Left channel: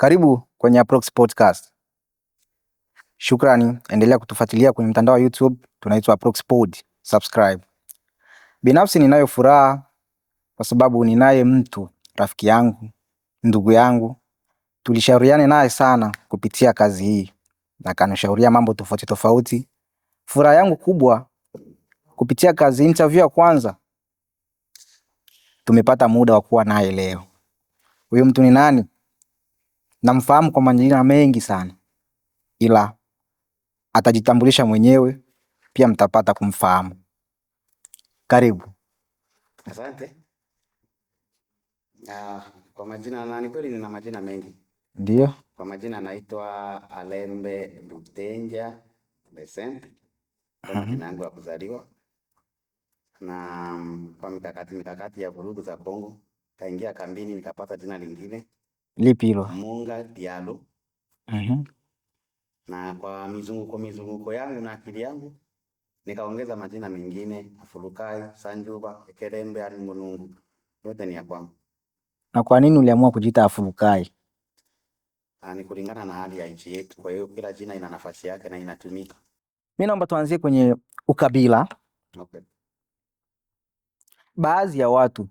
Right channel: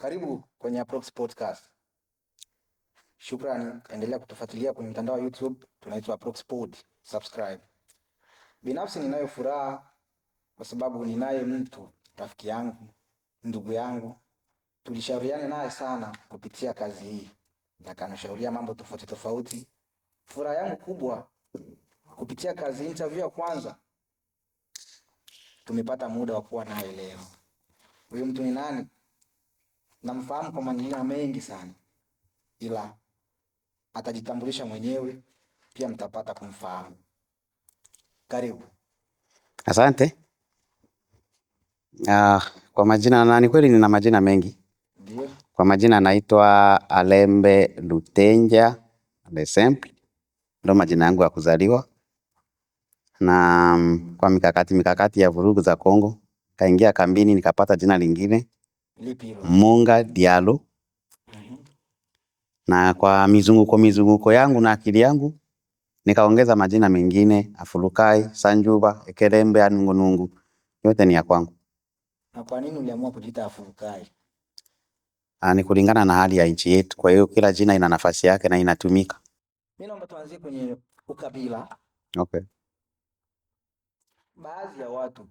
Karibu kwenye Approx Podcast. Shukrani, endelea kutufuatilia kwenye mtandao wa YouTube, tunaitwa Approx Pod. Subscribe. Binafsi ninayo furaha kwa sababu ninaye mtu, rafiki yangu, ndugu yangu. Tulishauriane naye sana kupitia kazi hii na kanishauria mambo tofauti tofauti. Furaha yangu kubwa kupitia kazi interview ya kwanza tumepata muda wa kuwa naye leo. Huyo mtu ni nani? Namfahamu kwa majina mengi sana, ila atajitambulisha mwenyewe, pia mtapata kumfahamu. Karibu. Asante. Kwa majina na ni kweli nina majina mengi. Ndio. Kwa majina naitwa Alembe Lutenja Lesemple. Ndo majina yangu ya kuzaliwa. Na kwa mikakati ya vurugu za Kongo, kaingia kambini nikapata jina lingine. Lipi hilo? Munga Diallo. Na kwa mizunguko yangu na akili yangu nikaongeza majina mengine: Afulukai, Sanjuba, Ekelembe, Anungunungu. Yote ni ya kwangu. Na kwa nini uliamua kujiita Afulukai? Ni kulingana na hali ya nchi yetu. Kwa hiyo kila jina ina nafasi yake na inatumika. Mimi naomba tuanzie kwenye ukabila. Okay. Baadhi ya watu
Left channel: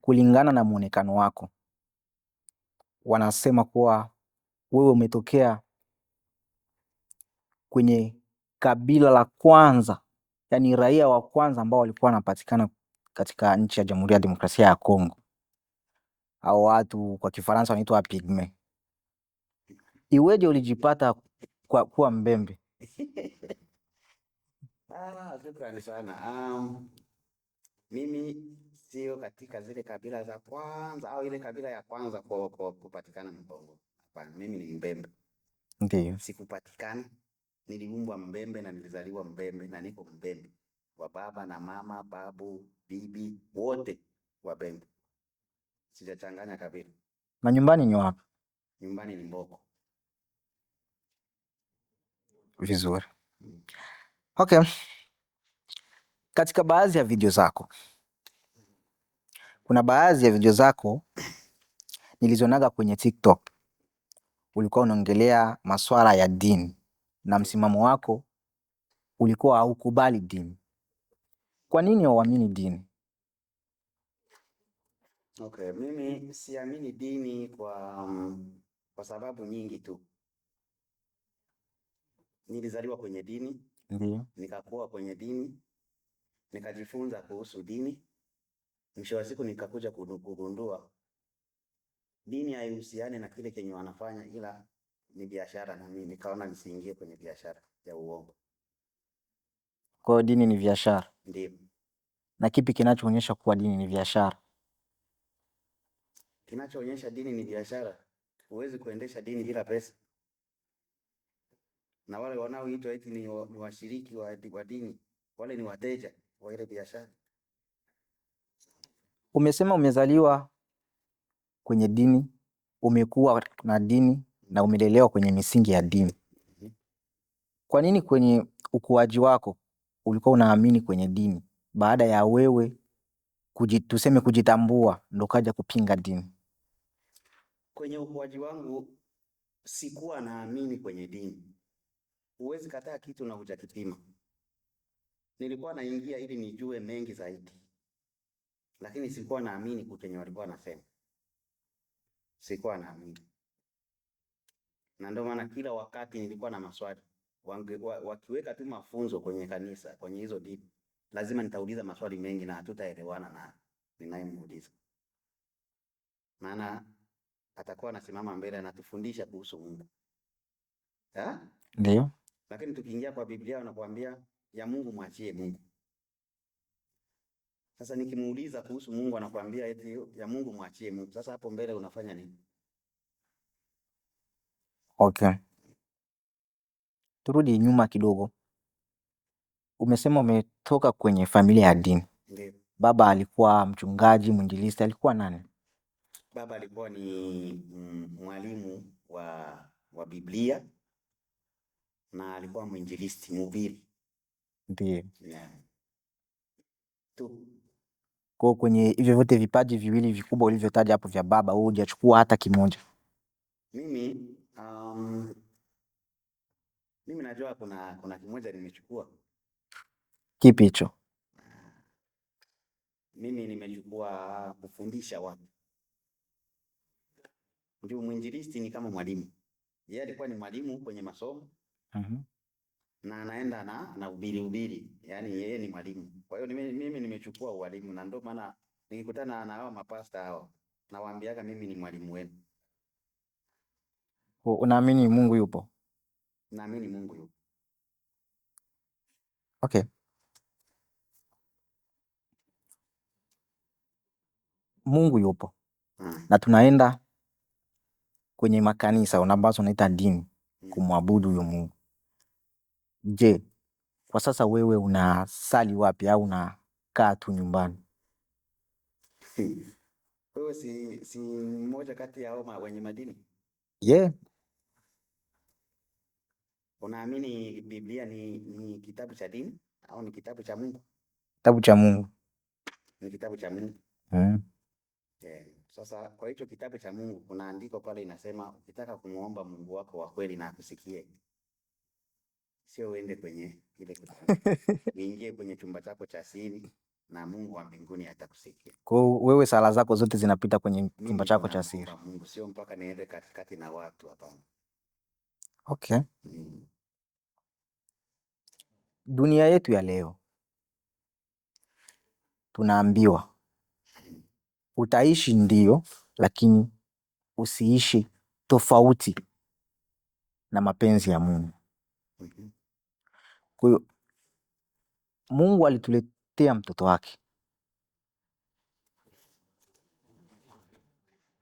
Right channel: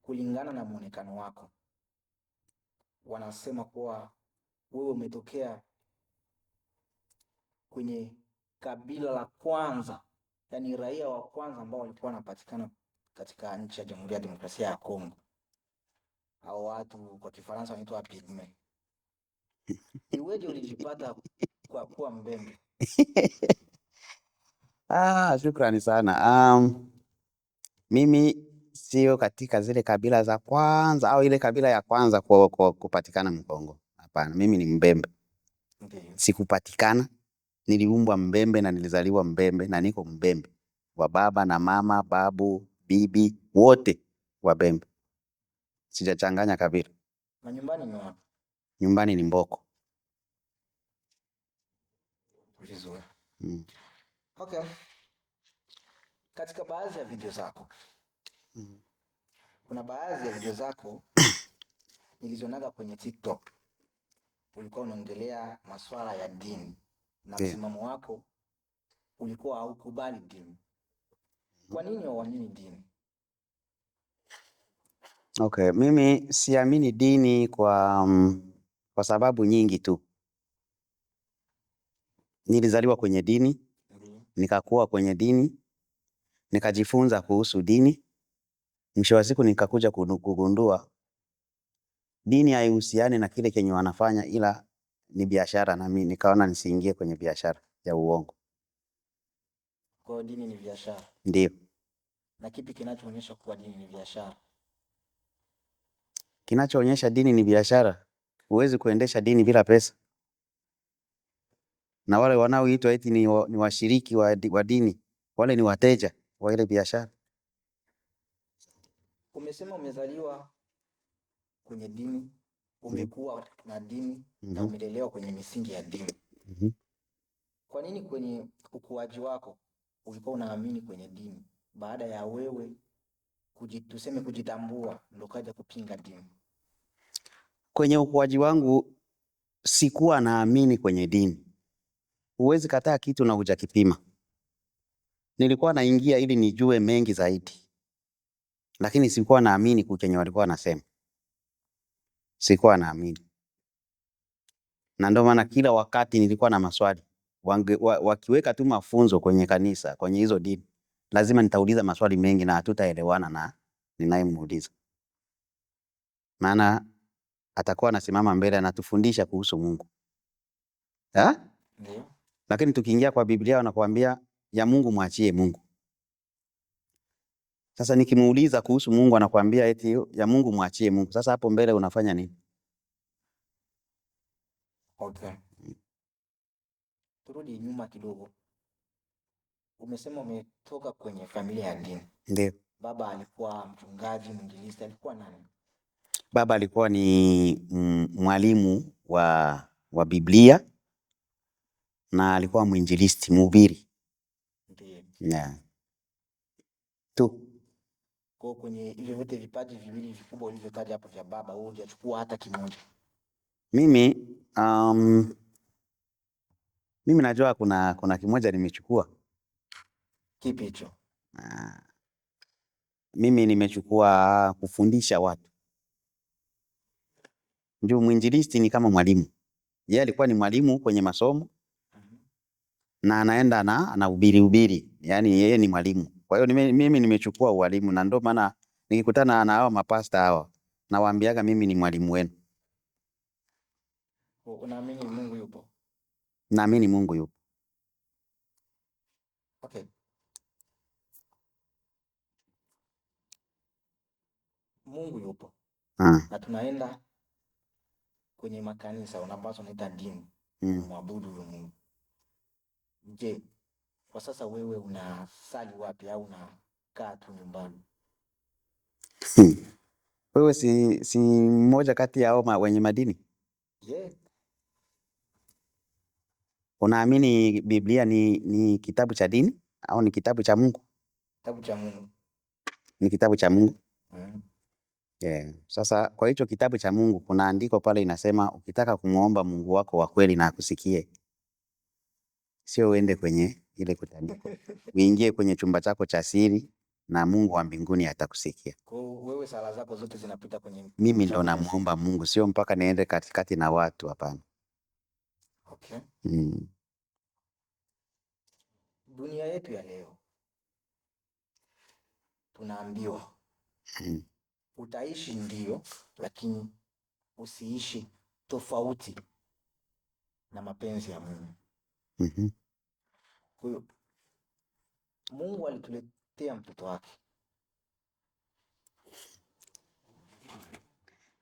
kulingana na muonekano wako wanasema kuwa wewe umetokea kwenye kabila la kwanza, yani raia wa kwanza ambao walikuwa wanapatikana katika nchi ya Jamhuri ya Demokrasia ya Kongo. Hao watu kwa Kifaransa wanaitwa Pygme. Iweje ulijipata kwa kuwa Mbembe? Shukrani sana. Mimi sio katika zile kabila za kwanza au ile kabila ya kwanza kupatikana Mkongo. Hapana, mimi ni Mbembe. Ndiyo. Sikupatikana, niliumbwa Mbembe na nilizaliwa Mbembe na niko Mbembe. Wa baba na mama, babu, bibi, wote wa Mbembe. Sijachanganya kabila. Na nyumbani ni wapi? Nyumbani ni Mboko. Vizuri. Okay. Katika baadhi ya video zako, kuna baadhi ya video zako nilizonaga kwenye TikTok, ulikuwa unaongelea masuala ya dini na msimamo wako ulikuwa haukubali dini. Kwa nini hauamini dini? Okay, mimi siamini dini kwa sababu nyingi tu. Nilizaliwa kwenye dini. Ndiyo. Nikakuwa kwenye dini, nikajifunza kuhusu dini. Mwisho wa siku nikakuja kugundua dini haihusiani na kile kenye wanafanya, ila ni biashara, na mimi nikaona nisiingie kwenye biashara ya uongo. Kwa hiyo dini ni biashara? Ndio. Na kipi kinachoonyesha kuwa dini ni biashara? Kinachoonyesha dini ni biashara, huwezi kuendesha dini bila pesa. Na wale wanaoitwa eti ni washiriki wa dini, wale ni wateja wa ile biashara. Umesema umezaliwa kwenye dini, umekuwa na dini na umelelewa kwenye misingi ya dini. Kwa nini kwenye ukuaji wako ulikuwa unaamini kwenye dini, baada ya wewe tuseme kujitambua ndo kaja kupinga dini? Kwenye ukuaji wangu sikuwa naamini kwenye dini. Huwezi kataa kitu na hujakipima. Nilikuwa naingia ili nijue mengi zaidi, lakini sikuwa naamini kenye walikuwa wanasema. Sikuwa naamini. Na ndio maana kila wakati nilikuwa na maswali. Wakiweka tu mafunzo kwenye kanisa, kwenye hizo dini, lazima nitauliza maswali mengi na hatutaelewana na ninayemuuliza. Maana atakuwa anasimama mbele anatufundisha kuhusu Mungu. Ndio. Lakini tukiingia kwa Biblia wanakuambia ya Mungu mwachie Mungu. Sasa nikimuuliza kuhusu Mungu anakuambia eti ya Mungu mwachie Mungu. Sasa hapo mbele unafanya nini? Okay. Turudi nyuma kidogo. Umesema umetoka kwenye familia ya dini. Ndio. Baba alikuwa mchungaji, mwinjilisti, alikuwa nani? Baba alikuwa ni mwalimu wa Biblia na alikuwa mwinjilisti, mhubiri. Ndio. Yeah. Tu. Kwa kwenye hivyo vyote vipaji viwili vikubwa ulivyotaja hapo vya baba, wewe hujachukua hata kimoja? Mimi mimi najua kuna kimoja nimechukua. Kipi hicho? Mimi nimechukua kufundisha watu. Ndio mwinjilisti ni kama mwalimu. Yeye alikuwa ni mwalimu kwenye masomo. Na anaenda anahubiri. Yaani yeye ni mwalimu. Kwa hiyo mimi nimechukua ualimu, na ndio maana nikikutana na hao mapasta hawa nawaambiaga mimi ni mwalimu wenu. Unaamini Mungu yupo? Naamini Mungu yupo. Okay. Mungu yupo. Na tunaenda kwenye makanisa ambazo unaita dini kumwabudu huyo Mungu. Je, kwa sasa wewe unasali wapi au unakaa tu nyumbani? Wewe si mmoja kati ya hao wenye madini? Yeah. Unaamini Biblia ni kitabu cha dini au ni kitabu cha Mungu? Kitabu cha Mungu. Ni kitabu cha Mungu. Yeah. Sasa kwa hicho kitabu cha Mungu kuna andiko pale inasema ukitaka kumuomba Mungu wako wa kweli na akusikie, sio uende kwenye ile kutandika. Uingie kwenye chumba chako cha siri na Mungu wa mbinguni atakusikia. Kwa wewe sala zako zote zinapita kwenye mimi ndo namuomba Mungu, sio mpaka niende katikati na watu, hapana. Okay. Dunia yetu ya leo tunaambiwa utaishi ndio, lakini usiishi tofauti na mapenzi ya Mungu. Kwa hiyo Mungu alituletea mtoto wake.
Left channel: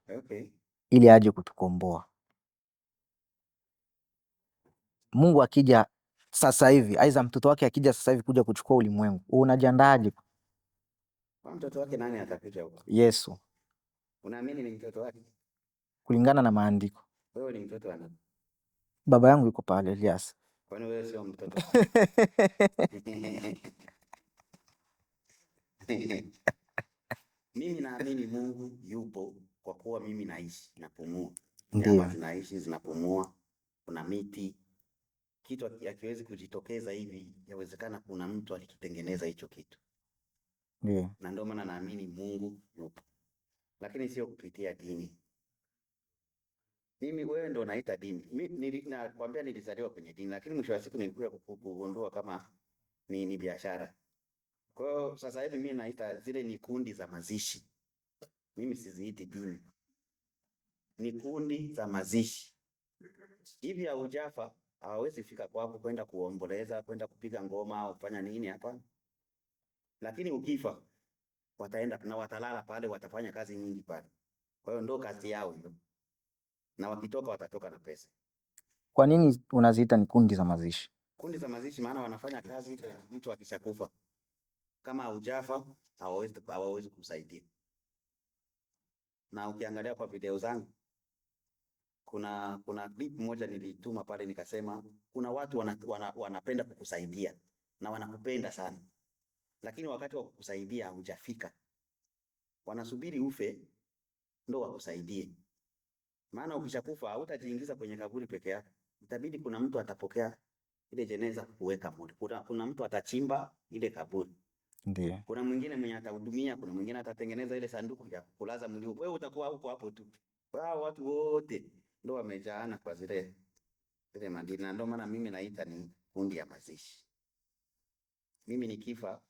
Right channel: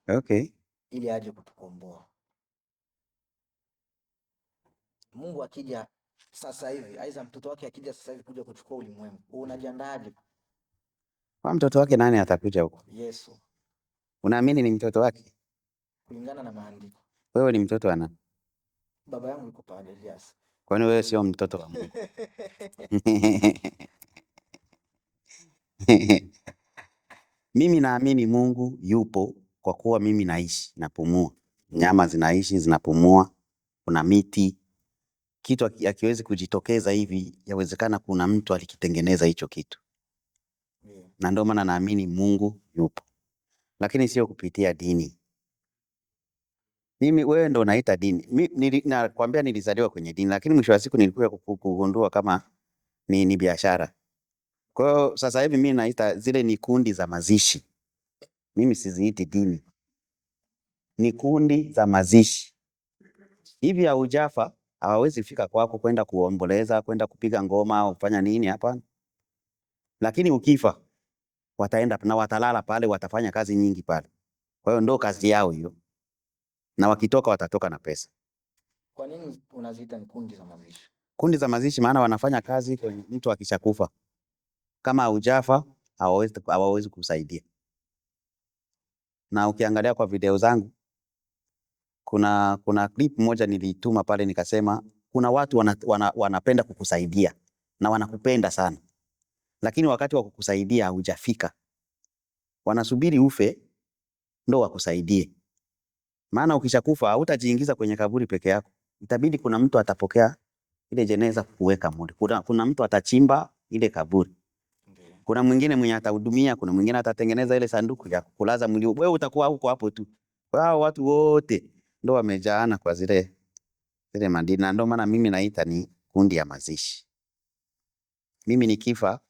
Okay. Ili aje kutukomboa. Mungu akija sasa hivi, aiza mtoto wake akija sasa hivi kuja kuchukua ulimwengu, unajiandaaje? Kwa mtoto wake nani atakuja huko? Yesu. Unaamini ni mtoto wake? Kulingana na maandiko. Wewe ni mtoto wa nani? Baba yangu yuko pale, Elias. Kwani wewe sio mtoto? Mimi naamini Mungu yupo kwa kuwa mimi naishi, napumua. Nyama zinaishi, zinapumua. Kuna miti. Kitu hakiwezi kujitokeza hivi, yawezekana kuna mtu alikitengeneza hicho kitu. Na ndio maana naamini Mungu yupo. Lakini sio kupitia dini. Wewe ndo unaita dini. Nakwambia nilizaliwa kwenye dini, lakini mwisho wa siku nilikuja kugundua kama ni biashara. Kwa hiyo sasa hivi mimi naita zile ni kundi za mazishi. Mimi siziiti dini. Ni kundi za mazishi. Hivi haujafa, hawawezi fika kwako kwenda kuomboleza, kwenda kupiga ngoma au kufanya nini, hapana. Lakini ukifa wataenda na watalala pale, watafanya kazi nyingi pale. Kwa hiyo ndo kazi yao hiyo. Na wakitoka watatoka na pesa. Kwa nini unaziita ni kundi za mazishi? Kundi za mazishi maana wanafanya kazi kwenye mtu akishakufa. Kama haujafa hawawezi kusaidia. Na ukiangalia kwa video zangu kuna clip moja nilituma pale nikasema kuna watu wanapenda kukusaidia na wanakupenda sana. Lakini wakati wa kukusaidia hujafika. Wanasubiri ufe ndo wakusaidie. Maana ukishakufa hautajiingiza kwenye kaburi peke yako. Itabidi kuna mtu atapokea ile jeneza kuweka mule. Kuna mtu atachimba ile kaburi. Ndiyo. Kuna mwingine mwenye atahudumia, kuna mwingine atatengeneza ile sanduku ya kulaza mwili. Wewe utakuwa huko hapo tu. Hao watu wote ndo wamejaana kwa zile madini. Na ndio maana mimi naita ni kundi ya mazishi. Mimi nikifa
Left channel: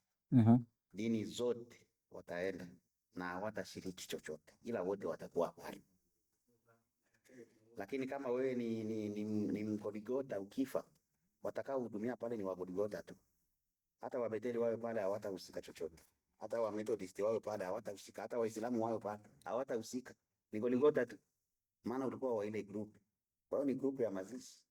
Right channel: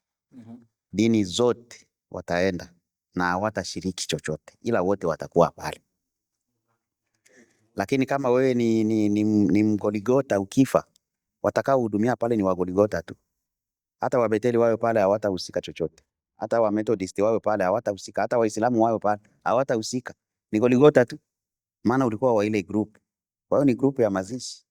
dini zote wataenda na hawatashiriki chochote, ila wote watakuwa pale. Lakini kama wewe ni Mgoligota, ukifa watakao hudumia pale ni Wagoligota tu. Hata Wabetheli wao pale hawatahusika chochote. Hata wa Methodist wao pale hawatahusika. Hata Waislamu wao pale hawatahusika. Ni Goligota tu. Maana ulikuwa wa ile group. Kwa hiyo ni group ya mazishi.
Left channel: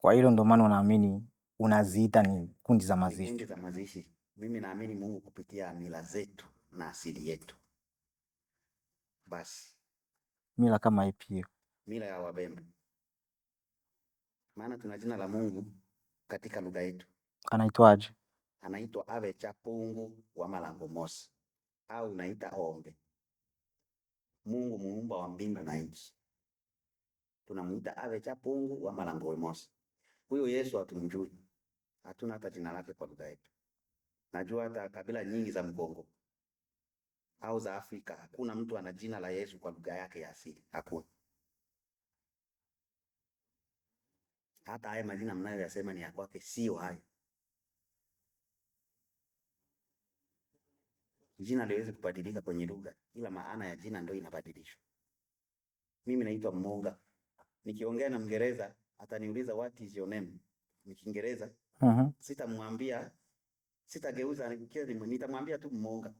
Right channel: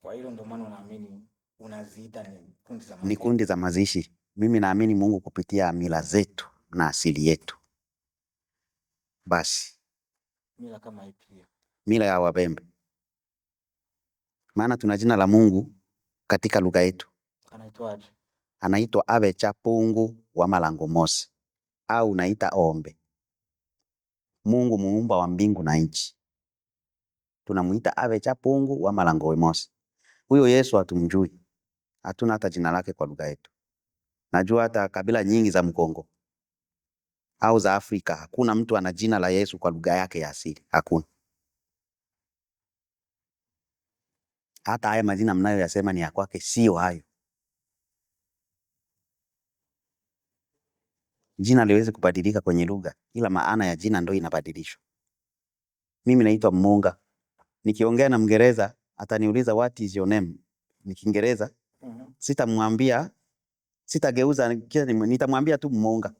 Kwa hilo ndo maana unaamini unaziita ni kundi za mazishi. Ni kundi za mazishi. Mimi naamini Mungu kupitia mila zetu na asili yetu. Basi. Mila kama ipi hiyo? Mila ya Wabembe. Maana tuna jina la Mungu katika lugha yetu. Anaitwaje? Anaitwa Abecha Pungu wa Malango Mosi. Au naita Ombe. Mungu muumba wa mbingu na nchi. tunamuita Ave Chapungu wa Malango Mosi. Huyo Yesu hatumjui. Hatuna hata jina lake kwa lugha yetu. Najua hata kabila nyingi za Mkongo au za Afrika hakuna mtu ana jina la Yesu kwa lugha yake ya asili. Hakuna. Hata haya majina mnayoyasema ni ya kwake, sio hayo. Jina liwezi kubadilika kwenye lugha, ila maana ya jina ndio inabadilishwa. Mimi naitwa Munga. Nikiongea na Mngereza ataniuliza what is your name? Ni Kiingereza. Sitamwambia, sitageuza, nitamwambia tu Munga.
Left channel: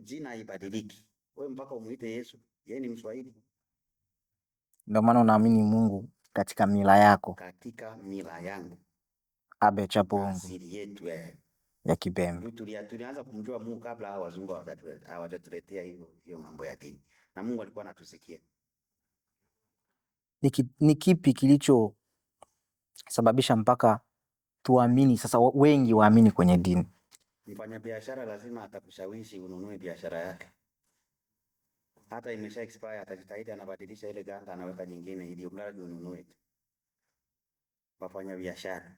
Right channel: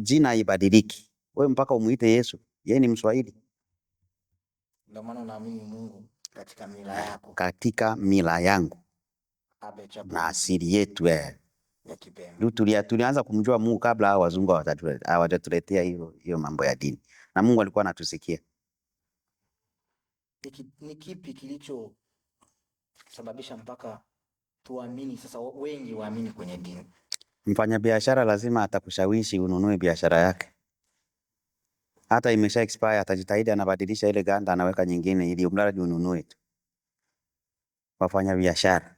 Jina haibadiliki. Wewe mpaka umuite Yesu. Yeye ni Mswahili. Ndio maana unaamini Mungu katika mila yako. Katika mila yangu. Ave Chapungu. Na asili yetu ya Kibembe. Tulianza kumjua Mungu kabla hao wazungu hawajatuletea hiyo mambo ya dini. Na Mungu alikuwa anatusikia. Ni kipi kilicho sababisha mpaka tuamini sasa, wengi waamini kwenye dini? Mfanyabiashara lazima atakushawishi ununue biashara yake. Hata imesha expire atajitahidi anabadilisha ile ganda anaweka nyingine ili mradi ununue tu. Wafanyabiashara.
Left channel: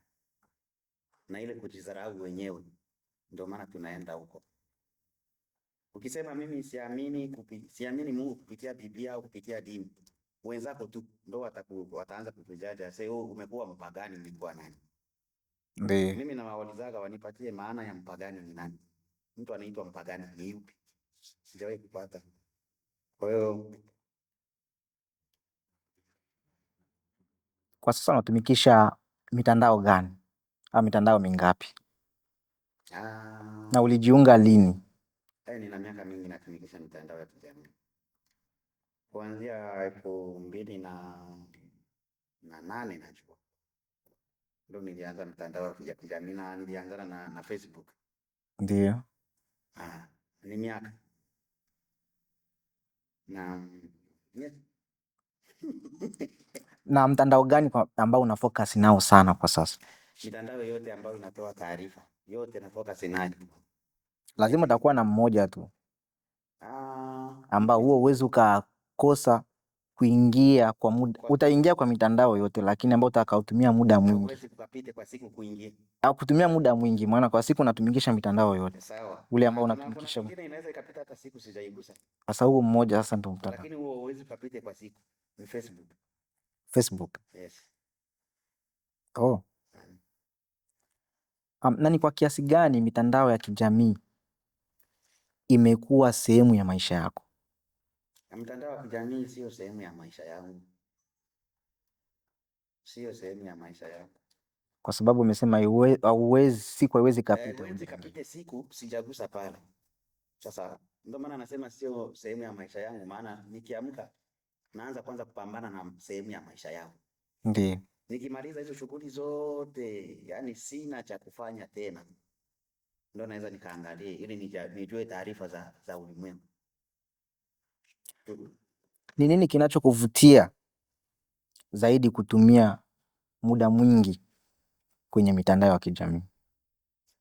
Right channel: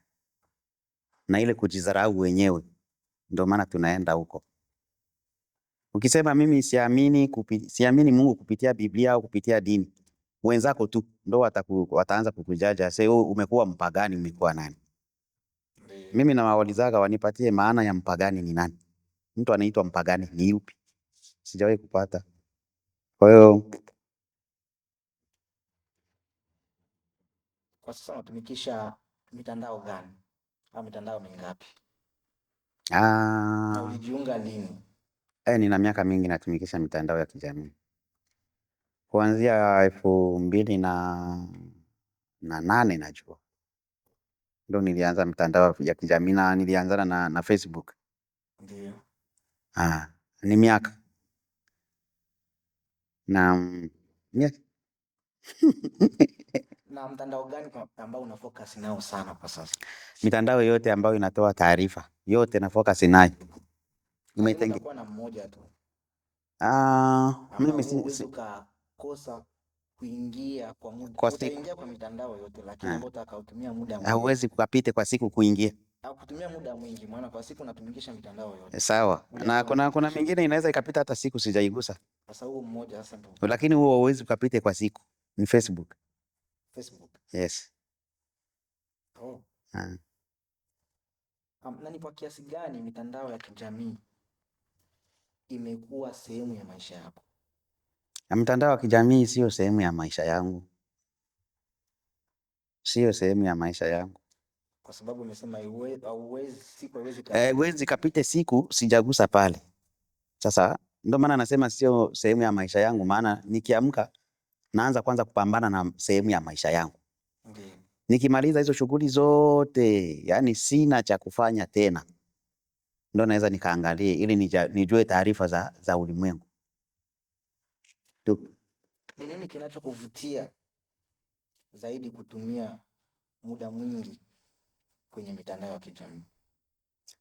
Na ile kujidharau wenyewe. Ndio maana tunaenda huko. Ukisema mimi siamini Mungu kupitia Biblia au kupitia dini, wenzako tu ndio wataanza kukujaja. Sasa umekuwa mpagani, umekuwa nani? Mimi nawaulizaga wanipatie maana ya mpagani ni nani. Mtu anaitwa mpagani ni yupi? Sijawahi kupata. Kwa hiyo kwa sasa unatumikisha mitandao gani? Au mitandao mingapi? Na ulijiunga lini? Nina miaka mingi natumikisha mitandao ya kijamii. Kuanzia 2008 najua. Ndio nilianza mitandao ya kijamii na nilianzana na Facebook. Ndio. Ni miaka. Na mtandao gani ambao una focus nao sana kwa sasa? Mitandao yote ambayo inatoa taarifa, yote na focus nayo. Lazima utakuwa na mmoja tu. Ambao huo uwezi ukakosa kuingia kwa muda. Utaingia kwa mitandao yote lakini ambao utakautumia muda mwingi. Hauwezi kupita kwa siku kuingia. Au kutumia muda mwingi, maana kwa siku unatumikisha mitandao yote. Sawa. Na kuna mingine inaweza ikapita hata siku sijaigusa. Sasa huo mmoja sasa ndio. Lakini huo hauwezi kupita kwa siku. Ni Facebook. Facebook. Yes. Na ni kwa kiasi gani mitandao ya kijamii imekuwa sehemu ya maisha yako? Mtandao wa kijamii sio sehemu ya maisha yangu. Sio sehemu ya maisha yangu. Kwa sababu umesema siku haiwezi kapita. Haiwezi kapita siku sijagusa pale. Sasa ndio maana nasema sio sehemu ya maisha yangu, maana nikiamka naanza kwanza kupambana na sehemu ya maisha yangu. Ndiyo. Nikimaliza hizo shughuli zote, yani sina cha kufanya tena, ndio naweza nikaangalie ili nijue taarifa za ulimwengu. Ni nini kinachokuvutia zaidi kutumia muda mwingi kwenye mitandao ya kijamii?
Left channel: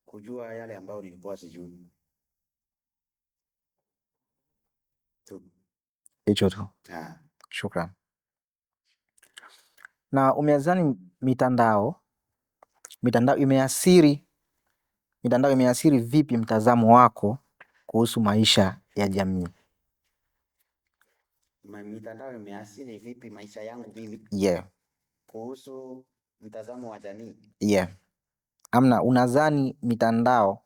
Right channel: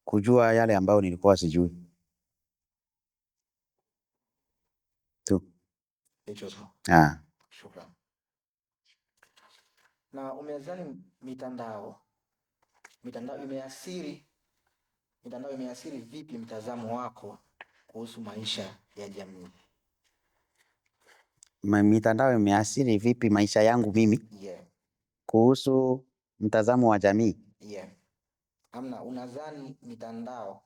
Kujua yale ambayo nilikuwa sijui. Hicho tu. Shukrani. Na umeazani mitandao imeathiri vipi mtazamo wako kuhusu maisha ya jamii? Mitandao imeathiri vipi maisha yangu mimi? Kuhusu mtazamo wa jamii? Unadhani mitandao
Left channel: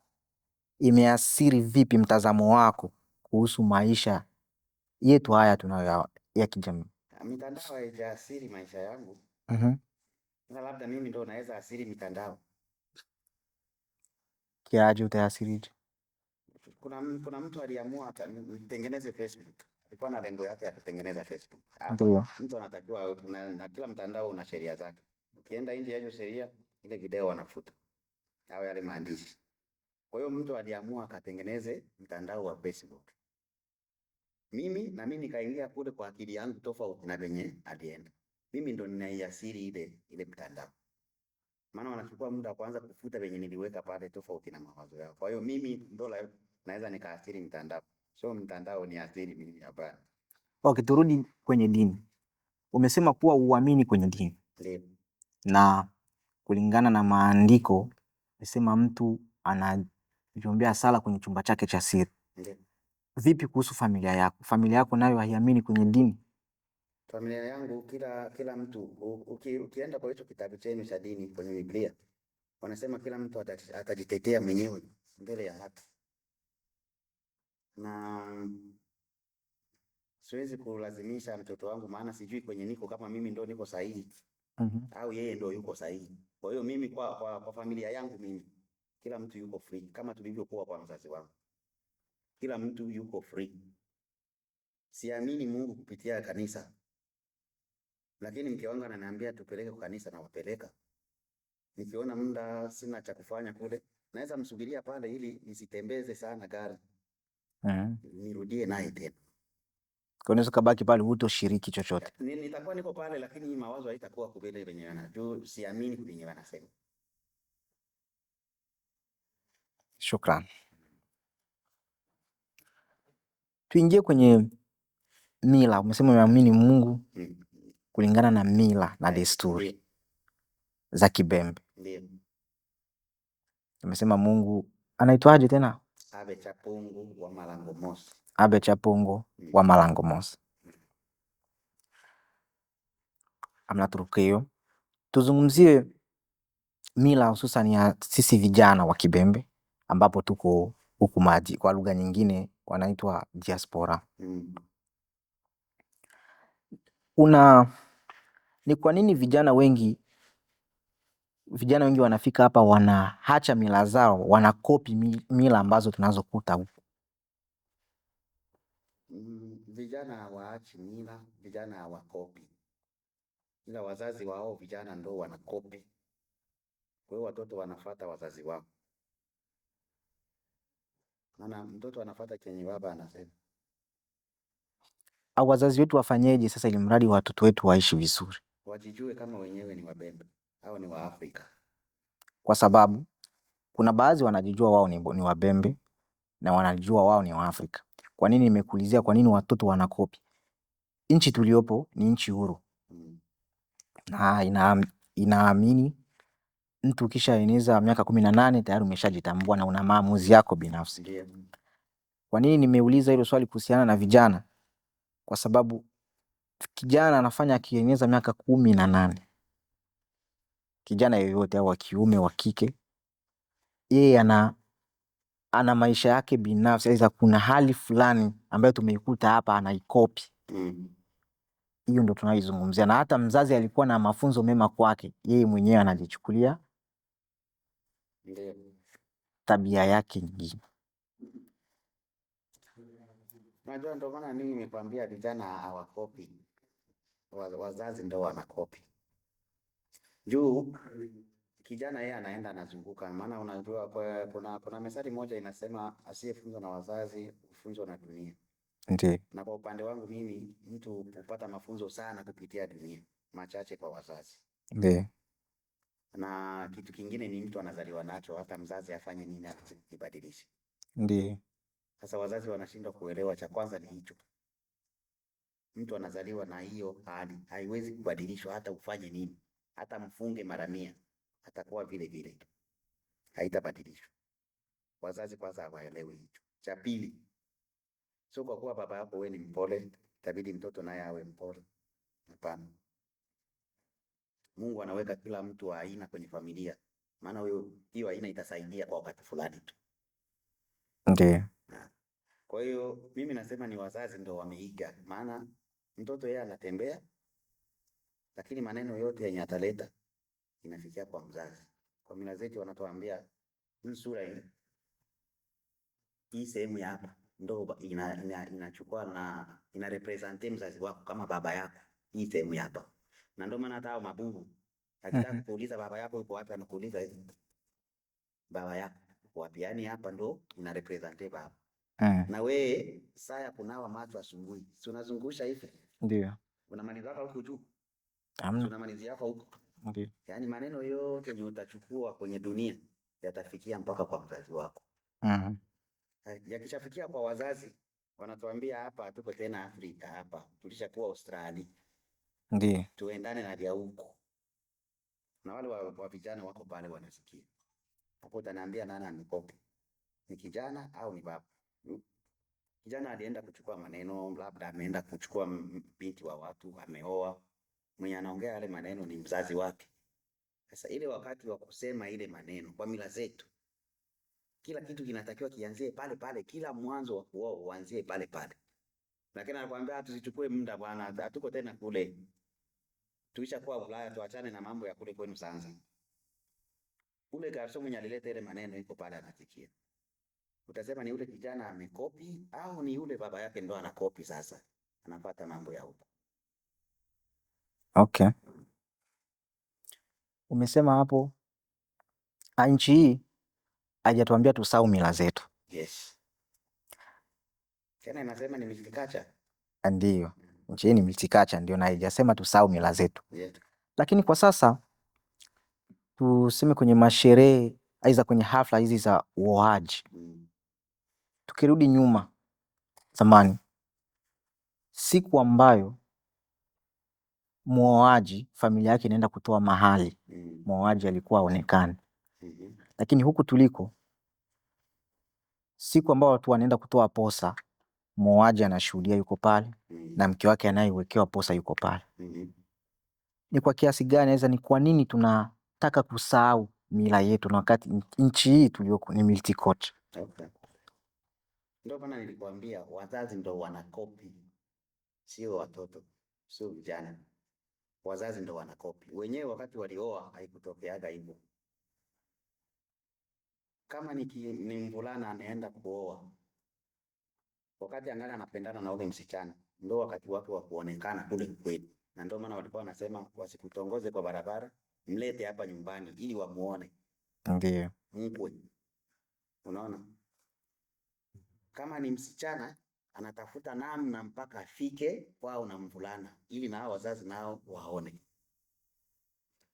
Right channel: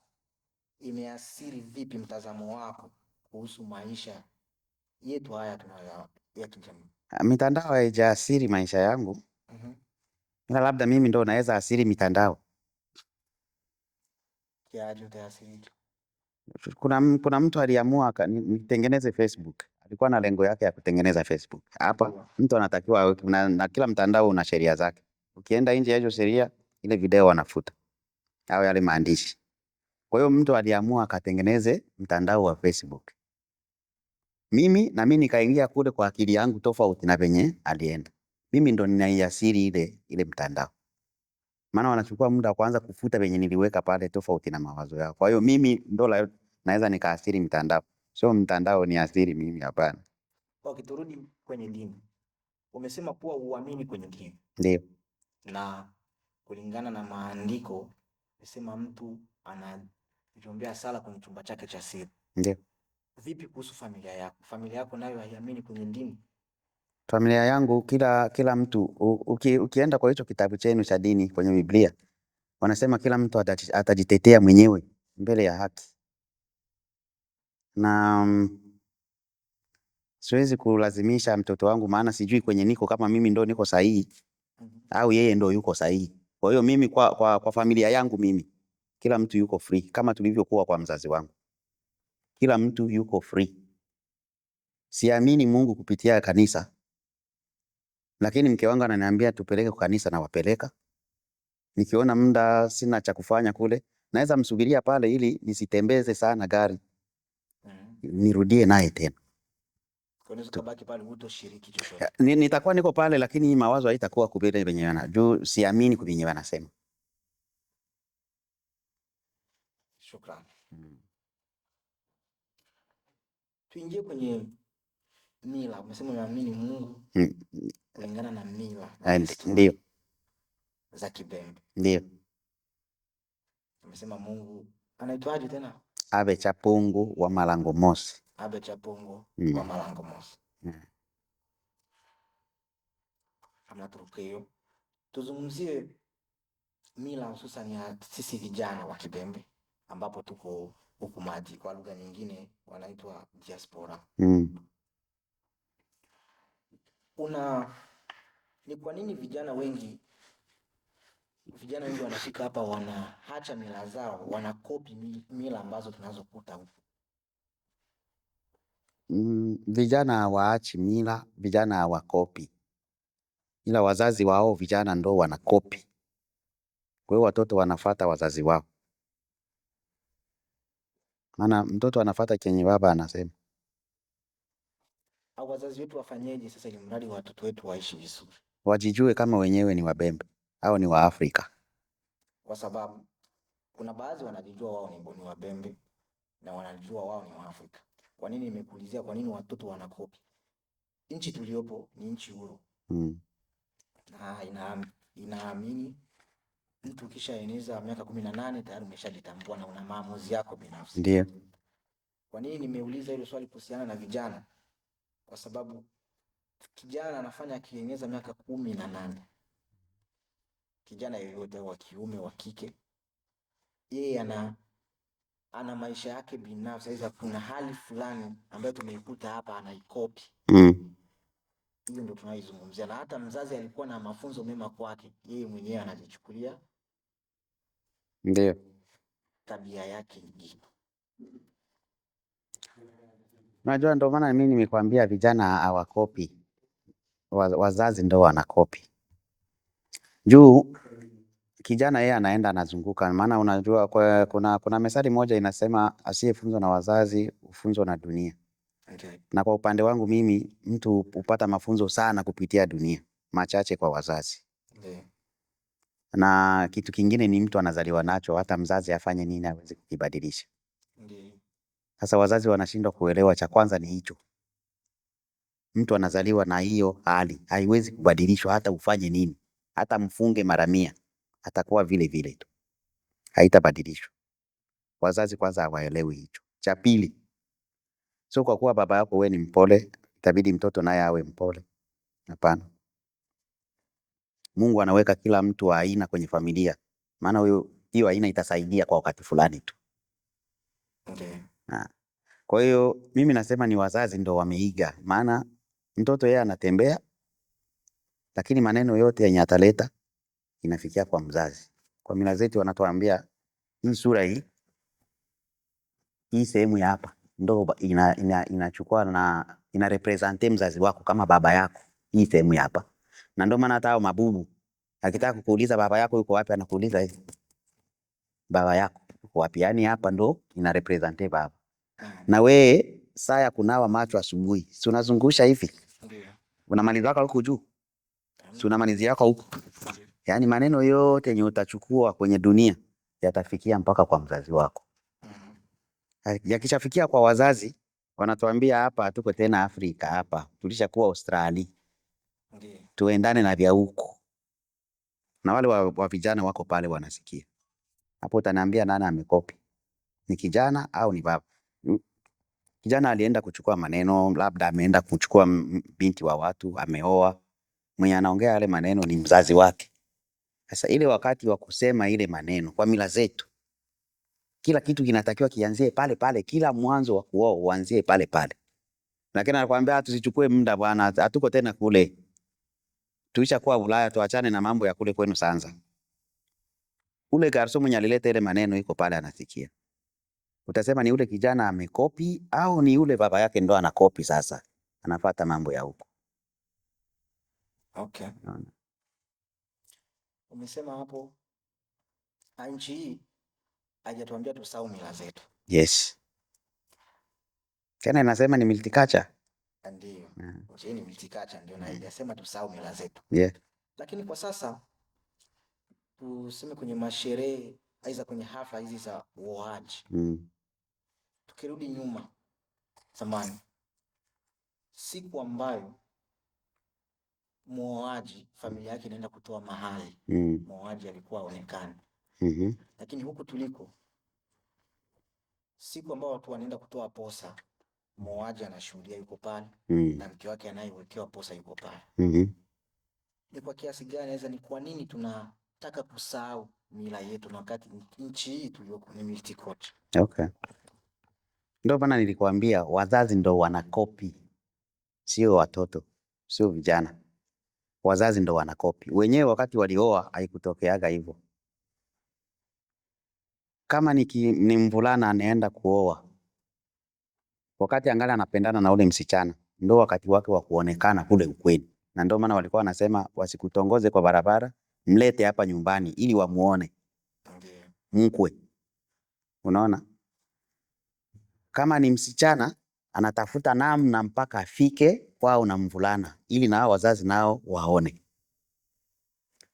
imeathiri vipi mtazamo wako kuhusu maisha yetu haya tunayo ya kijamii? Mitandao haijaathiri maisha yangu. Ila labda mimi ndo naweza athiri mitandao. Kiaje utaathirije? Kuna mtu aliamua nitengeneze Facebook. Alikuwa na lengo yake ya kutengeneza Facebook. Hapa mtu anatakiwa na kila mtandao una sheria zake. Ukienda nje ya hizo sheria, ile video wanafuta au yale maandishi. Kwa hiyo mtu aliamua akatengeneze mtandao wa Facebook. Mimi nikaingia kule kwa akili yangu tofauti na venye alienda. Mimi ndo ninaiathiri ile mtandao. Maana wanachukua muda kwanza kufuta venye niliweka pale tofauti na mawazo yao. Kwa hiyo mimi ndo naweza nikaathiri mtandao. Sio mtandao ni athiri mimi, hapana. Turudi kwenye dini. Umesema kuwa uamini kwenye dini. Ndio. Na kulingana na maandiko umesema mtu anajiombea sala kwenye chumba chake cha siri. Ndio. Vipi kuhusu familia yako? Familia yako nayo haiamini kwenye dini? Familia yangu kila mtu ukienda kwa hicho kitabu chenu cha dini kwenye Biblia wanasema kila mtu atajitetea mwenyewe mbele ya haki. Na siwezi kulazimisha mtoto wangu, maana sijui kwenye niko kama mimi ndo niko sahihi au yeye ndo yuko sahihi. Kwa hiyo mimi kwa familia yangu mimi kila mtu yuko free kama tulivyokuwa kwa mzazi wangu. Kila mtu yuko free. Siamini Mungu kupitia kanisa. Lakini mke wangu ananiambia tupeleke kwa kanisa na wapeleka. Nikiona muda sina cha kufanya kule, naweza msubiria pale ili nisitembeze sana gari. Nirudie naye tena. Kwa nini ukabaki pale hutoshiriki chochote? Nitakuwa niko pale lakini mawazo haitakuwa kubele venye juu siamini kuvinye wanasema. Shukrani. Tuingie kwenye mila. Umesema unaamini Mungu kulingana na mila na desturi za Kibembe. Ndio. Umesema Mungu anaitwaje tena? Abe Chapungu wa Malango Mosi. Abe Chapungu wa Malango Mosi. Amna turukio. Tuzungumzie mila hususan ya sisi vijana wa Kibembe ambapo tuko huku maji, kwa lugha nyingine wanaitwa diaspora. Ni kwa nini vijana wengi wanafika hapa wanaacha mila zao, wanakopi mila ambazo tunazokuta huku? Vijana hawaachi mila, vijana hawakopi. Ila wazazi wao vijana ndo wanakopi. Kwa hiyo watoto wanafuata wazazi wao. Maana mtoto anafuata kenye baba anasema. Au wazazi wetu wafanyeje sasa ili mradi watoto wetu waishi vizuri? Wajijue kama wenyewe ni Wabembe au ni wa Afrika. Kwa sababu kuna baadhi wanajijua wao ni Wabembe na wanajua wao ni wa Afrika. Kwa nini nimekuulizia kwa nini watoto wanakopi? Nchi tuliopo ni nchi huru. Na inaamini mtu kisha eneza miaka 18 tayari umeshajitambua na una maamuzi yako binafsi. Ndio. Kwa nini nimeuliza hilo swali kuhusiana na vijana? Kwa sababu kijana anafanya akieneza miaka 18. Kijana yeyote au wa kiume wa kike, yeye ana maisha yake binafsi. Aidha kuna hali fulani ambayo tumeikuta hapa anaikopi. Hiyo ndo tunaizungumzia. Na hata mzazi alikuwa na mafunzo mema kwake, yeye mwenyewe anajichukulia ndio tabia yake nyingine. Unajua ndo maana mimi nimekwambia vijana hawakopi. Wazazi ndo wanakopi. Juu kijana yeye anaenda anazunguka, maana unajua kuna methali moja inasema asiyefunzwa na wazazi hufunzwa na dunia. Ndiyo. Na kwa upande wangu mimi mtu hupata mafunzo sana kupitia dunia, machache kwa wazazi. Ndiyo. Na kitu kingine ni mtu anazaliwa nacho, hata mzazi afanye nini hawezi kukibadilisha. Ndiyo. Sasa wazazi wanashindwa kuelewa, cha kwanza ni hicho. Mtu anazaliwa na hiyo hali, haiwezi kubadilishwa hata ufanye nini. Hata mfunge mara 100, atakuwa vile vile tu. Haitabadilishwa. Wazazi kwanza hawaelewi hicho. Cha pili, sio kwa kuwa baba yako wewe ni mpole, itabidi mtoto naye awe mpole. Hapana. Mungu anaweka kila mtu wa aina kwenye familia. Maana hiyo aina itasaidia kwa wakati fulani tu. Ndiyo. Kwa hiyo mimi nasema ni wazazi ndo wameiga. Maana mtoto yeye anatembea, lakini maneno yote yenye ataleta inafikia kwa mzazi. Kwa mila zetu wanatuambia hii sura hii sehemu ya hapa ndo inachukua na ina represent mzazi wako kama baba yako, hii sehemu ya hapa. Na ndio maana hata mabubu akitaka kukuuliza baba yako yuko wapi, anakuuliza hivi, baba yako yuko wapi? Yani hapa ndo ina represent baba. Na wewe saa ya kunawa macho asubuhi, si unazungusha hivi? Ndio. Unamaliza yako huko juu. Si unamalizia yako huko. Ndio. Yani maneno yote yenye utachukua kwenye dunia yatafikia mpaka kwa mzazi wako. Yakishafikia kwa wazazi, wanatuambia hapa hatuko tena Afrika, hapa tulishakuwa Australia. Ndiyo. tuendane na vya huku. Na wale wa vijana wako pale wanasikia. Hapo utaniambia nani amekopi, ni kijana au ni baba? Kijana alienda kuchukua maneno, labda ameenda kuchukua binti wa watu, ameoa. Mwenye anaongea yale maneno ni mzazi wake. Sasa ile wakati wa kusema ile maneno, kwa mila zetu kila kitu kinatakiwa kianzie pale pale, kila mwanzo wa kuoa uanzie pale pale. Lakini anakuambia tusichukue muda bwana, hatuko tena kule, tuishakuwa Ulaya, tuachane na mambo ya kule kwenu Sanza. Ule garso mwenye alileta ile maneno iko pale anasikia. Utasema ni ule kijana amekopi au ni ule baba yake ndo anakopi? Sasa anafuata mambo ya huko. Okay. Umesema hapo nchi hii hajatuambia tusahau mila zetu. Yes. Tena inasema ni multicultural. Ndiyo. Nchi hii ni multicultural ndio, na haijasema tusahau mila zetu. Yeah. Lakini kwa sasa tuseme kwenye masherehe aidha kwenye hafla hizi za uoaji, tukirudi nyuma zamani, siku ambayo muoaji familia yake inaenda kutoa mahali, muoaji alikuwa aonekane. Lakini huku tuliko, siku ambayo watu wanaenda kutoa posa, muoaji anashuhudia yuko pale, na mke wake anayewekewa posa yuko pale. Ni kwa kiasi gani, ni kwa nini tunataka kusahau mila yetu na wakati nchi hii tuliyoko ni multicultural? Okay. Ndio maana nilikwambia wazazi ndo wanakopi, sio watoto, sio vijana. Wazazi ndo wanakopi. Wenyewe wakati walioa haikutokeaga hivyo. Kama ni mvulana anaenda kuoa, wakati angali anapendana na ule msichana, ndo wakati wake wa kuonekana kule ukweli. Na ndio maana walikuwa wanasema wasikutongoze kwa barabara, mlete hapa nyumbani ili wamuone. Ndiyo. Mkwe. Unaona? Kama ni msichana anatafuta namna mpaka afike kwao na mvulana ili na wazazi nao waone.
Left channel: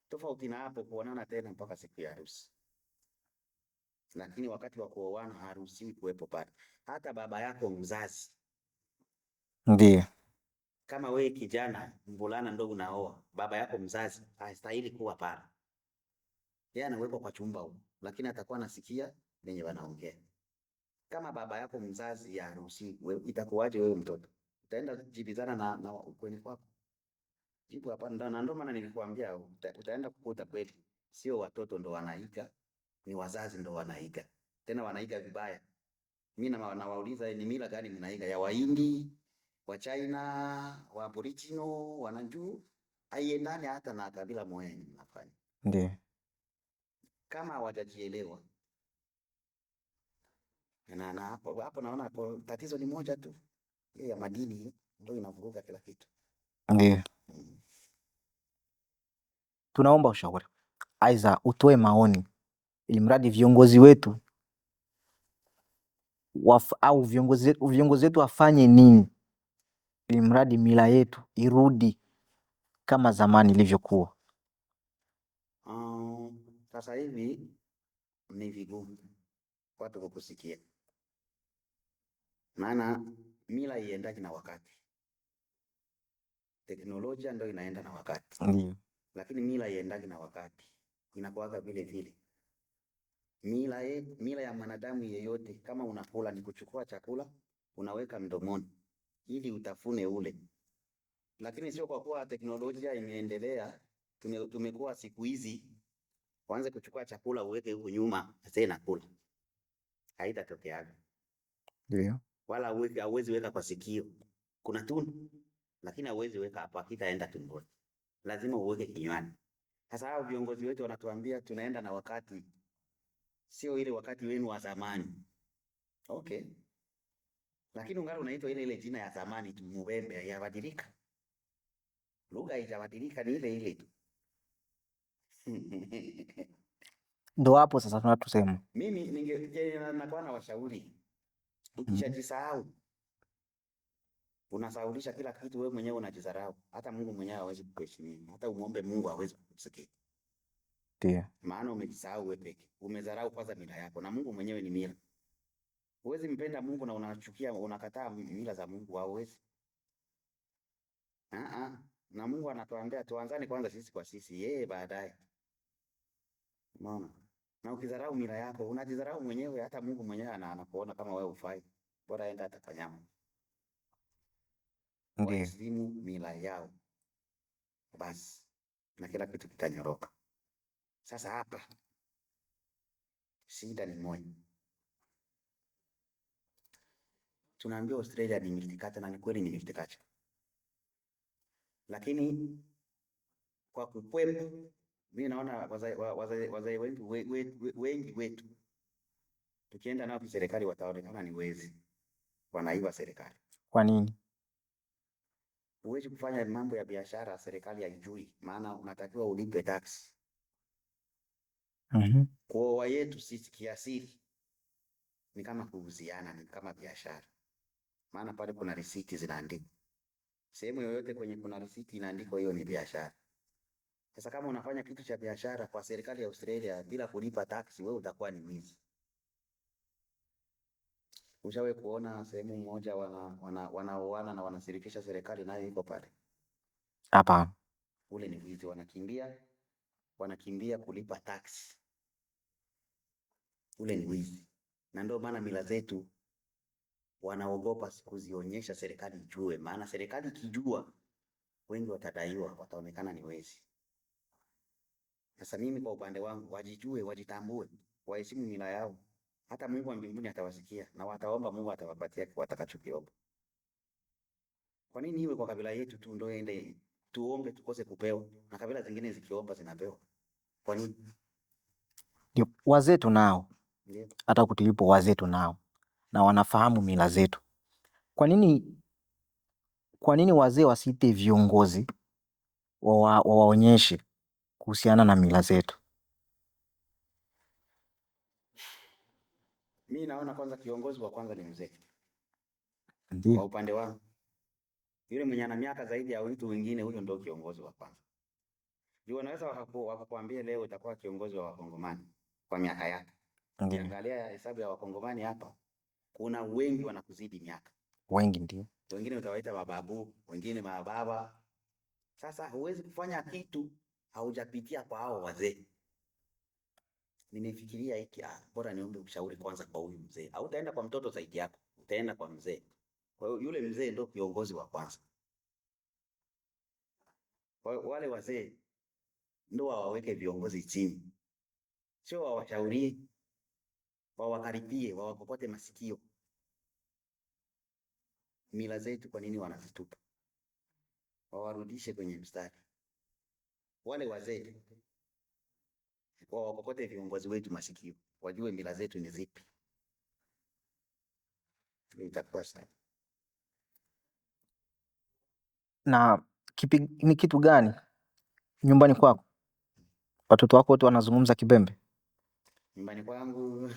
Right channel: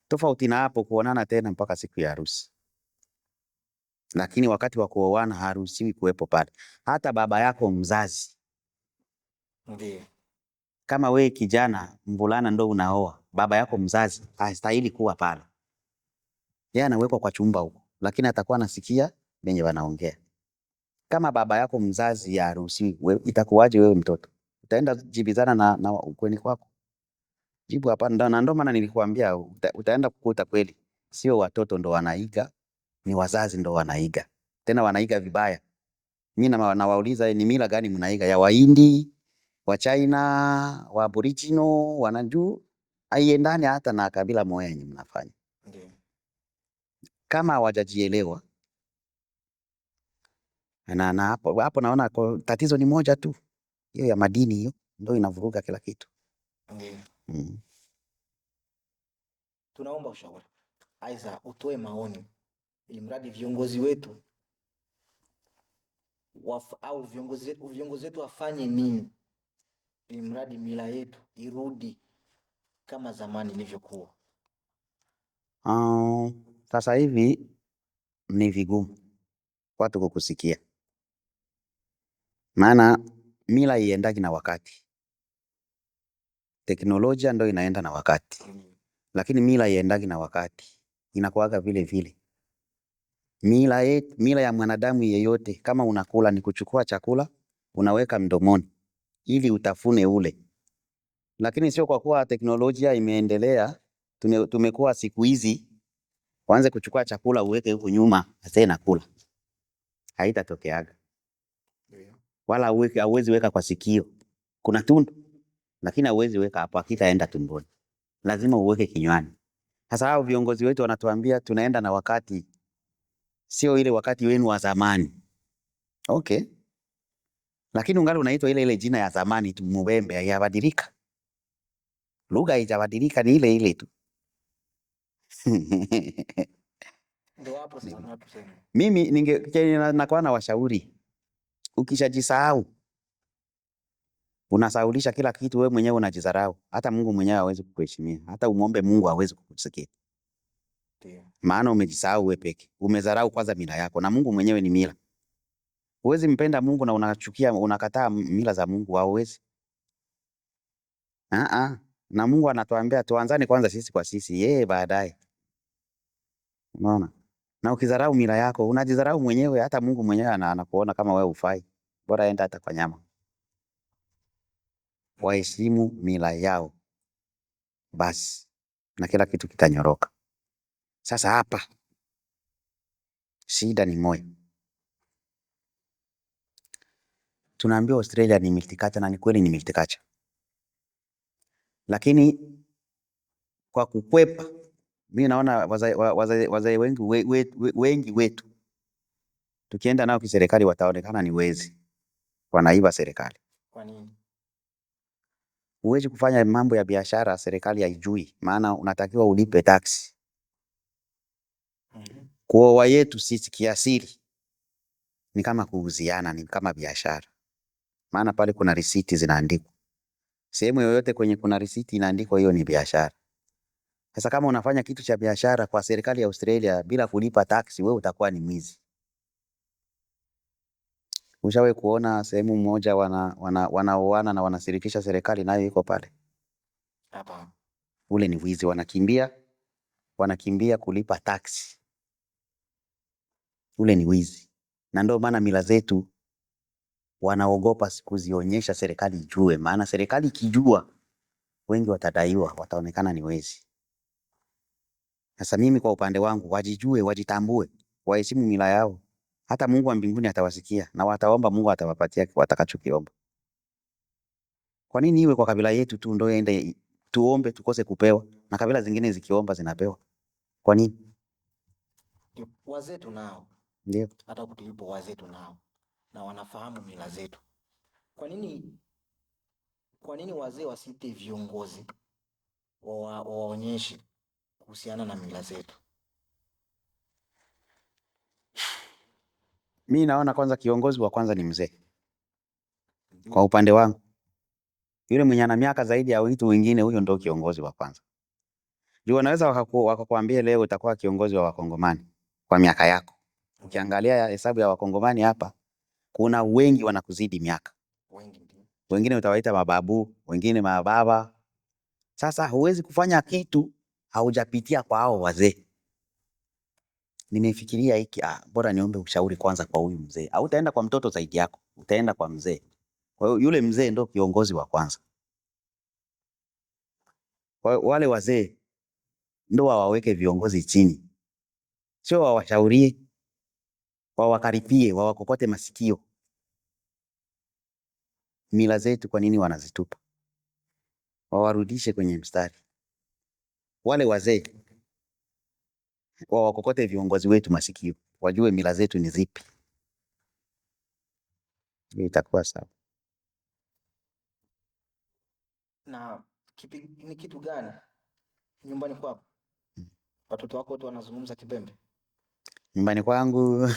Tofauti na hapo kuonana tena mpaka siku ya harusi. Lakini wakati wa kuoana haruhusiwi kuwepo pale. Hata baba yako mzazi. Ndiyo. Kama we kijana mvulana ndo unaoa, baba yako mzazi hastahili kuwa pale. Yeye anawekwa kwa chumba huko, lakini atakuwa anasikia wenye wanaongea. Kama baba yako mzazi haruhusiwi, itakuwaje wewe mtoto? Utaenda jibizana na ukweni kwako? Jibu hapana. Na ndio maana nilikuambia utaenda kukuta kweli sio watoto ndo wanaiga, ni wazazi ndo wanaiga. Tena wanaiga vibaya. Mimi nawauliza ni mila gani mnaiga? Ya Wahindi, wa China, wa Aboriginal, wanajua haiendani hata na kabila moja yenye mnafanya. Ndiyo. Kama hawajajielewa. Na hapo naona tatizo ni moja tu. Hiyo ya madini hiyo ndio inavuruga kila kitu. Ndiyo. Tunaomba ushauri, aidha utoe maoni, ili mradi viongozi wetu au viongozi wetu wafanye nini ili mradi mila yetu irudi kama zamani ilivyokuwa. Sasa hivi ni vigumu watu kukusikia. Maana mila iendagi na wakati. Teknolojia ndo inaenda na wakati. Lakini mila iendagi na wakati. Inakuwaga vile vile. Mila ya mwanadamu yeyote kama unakula ni kuchukua chakula, unaweka mdomoni ili utafune ule. Lakini sio kwa kuwa teknolojia imeendelea, tumekuwa siku hizi waanze kuchukua chakula uweke huko nyuma tena kula. Haitatokeaga. Ndio. Wala hauwezi weka kwa sikio. Kuna tundu, lakini hauwezi weka hapo, hakitaenda tumboni. Lazima uweke kinywani. Sasa hao viongozi wetu wanatuambia tunaenda na wakati, sio ile wakati wenu wa zamani. Okay. Lakini ungali unaitwa ile jina ya zamani tu, Mubembe, haijabadilika. Lugha haijabadilika, ni ile ile tu. Ndo hapo sasa tunatusema. Mimi nakuwa na washauri. Ukishajisahau, unasaulisha kila kitu, wewe mwenyewe unajidharau. Hata Mungu mwenyewe hawezi kukuheshimia. Hata umuombe Mungu hawezi kukusikia. Ndio. Maana umejisahau wewe peke. Umedharau kwanza mila yako, na Mungu mwenyewe ni mila. Huwezi mpenda Mungu na unachukia, unakataa mila za Mungu, hauwezi. na Mungu anatuambia tuanzane kwanza sisi kwa sisi, yeye baadaye. Unaona? Na ukidharau mila yako unajidharau mwenyewe, hata Mungu mwenyewe anakuona kama wewe hufai. Bora enda hata kwa nyama. Ndiyo. Waheshimu mila yao basi, na kila kitu kitanyoroka. Sasa hapa shida ni moja. Tunaambiwa Australia ni multicultural, na ni kweli ni multicultural. Lakini kwa kukwepa, mimi naona wazee wengi wetu tukienda nao kiserikali wataonekana ni wezi, wanaiba serikali. Kwa nini? Huwezi kufanya mambo ya biashara serikali haijui, maana unatakiwa ulipe tax. Kwa yetu sisi kiasili ni kama kuuziana, ni kama biashara, maana pale kuna risiti zinaandikwa. Sehemu yoyote kwenye kuna risiti inaandikwa, hiyo ni biashara. Sasa kama unafanya kitu cha biashara kwa serikali ya Australia bila kulipa tax, wewe utakuwa ni mwizi. Ushawahi kuona sehemu moja wanaoana na wanashirikisha serikali nayo iko pale? Hapa Ule ni wizi, wanakimbia kulipa tax. Ule ni wizi. Na ndio maana mila zetu wanaogopa kuzionyesha serikali ijue, maana serikali ikijua wengi watadaiwa, wataonekana ni wezi. Sasa mimi kwa upande wangu, wajijue, wajitambue, waheshimu mila yao. Hata Mungu wa mbinguni atawasikia na wataomba, Mungu atawapatia watakachokiomba. Kwa nini iwe kwa kabila yetu tu ndio ende tuombe tukose kupewa, na kabila zingine zikiomba zinapewa? Kwa nini? ndio wazee tunao, Ndio. hata kutulipo wazee tunao na wanafahamu mila zetu. Kwa nini wazee wasiite viongozi wawaonyeshe kuhusiana na mila zetu? Mimi naona kwanza kiongozi wa kwanza ni mzee. Kwa upande wangu, yule mwenye ana miaka zaidi ya watu wengine, huyo ndio kiongozi wa kwanza. Juu wanaweza wakakwambia leo utakuwa kiongozi wa Wakongomani kwa miaka yako. Ukiangalia hesabu ya Wakongomani hapa, kuna wengi wanakuzidi miaka. Wengi ndio. Wengine utawaita mababu, wengine mababa. Sasa huwezi kufanya kitu haujapitia kwa hao wazee. Nimefikiria hiki, bora niombe ushauri kwanza kwa huyu mzee. Au utaenda kwa mtoto zaidi yako, utaenda kwa mzee. Kwa hiyo yule mzee ndio kiongozi wa kwanza. Kwa hiyo wale wazee ndio waweke viongozi chini. Sio wawashaurie, wawakaripie, wawakokote masikio. Mila zetu kwa nini wanazitupa? Wawarudishe kwenye mstari. Wale wazee wawakokote viongozi wetu masikio, wajue mila zetu ni zipi. Itakuwa sawa. Na ni kitu gani nyumbani kwako watoto wako wote wanazungumza Kibembe? Nyumbani kwangu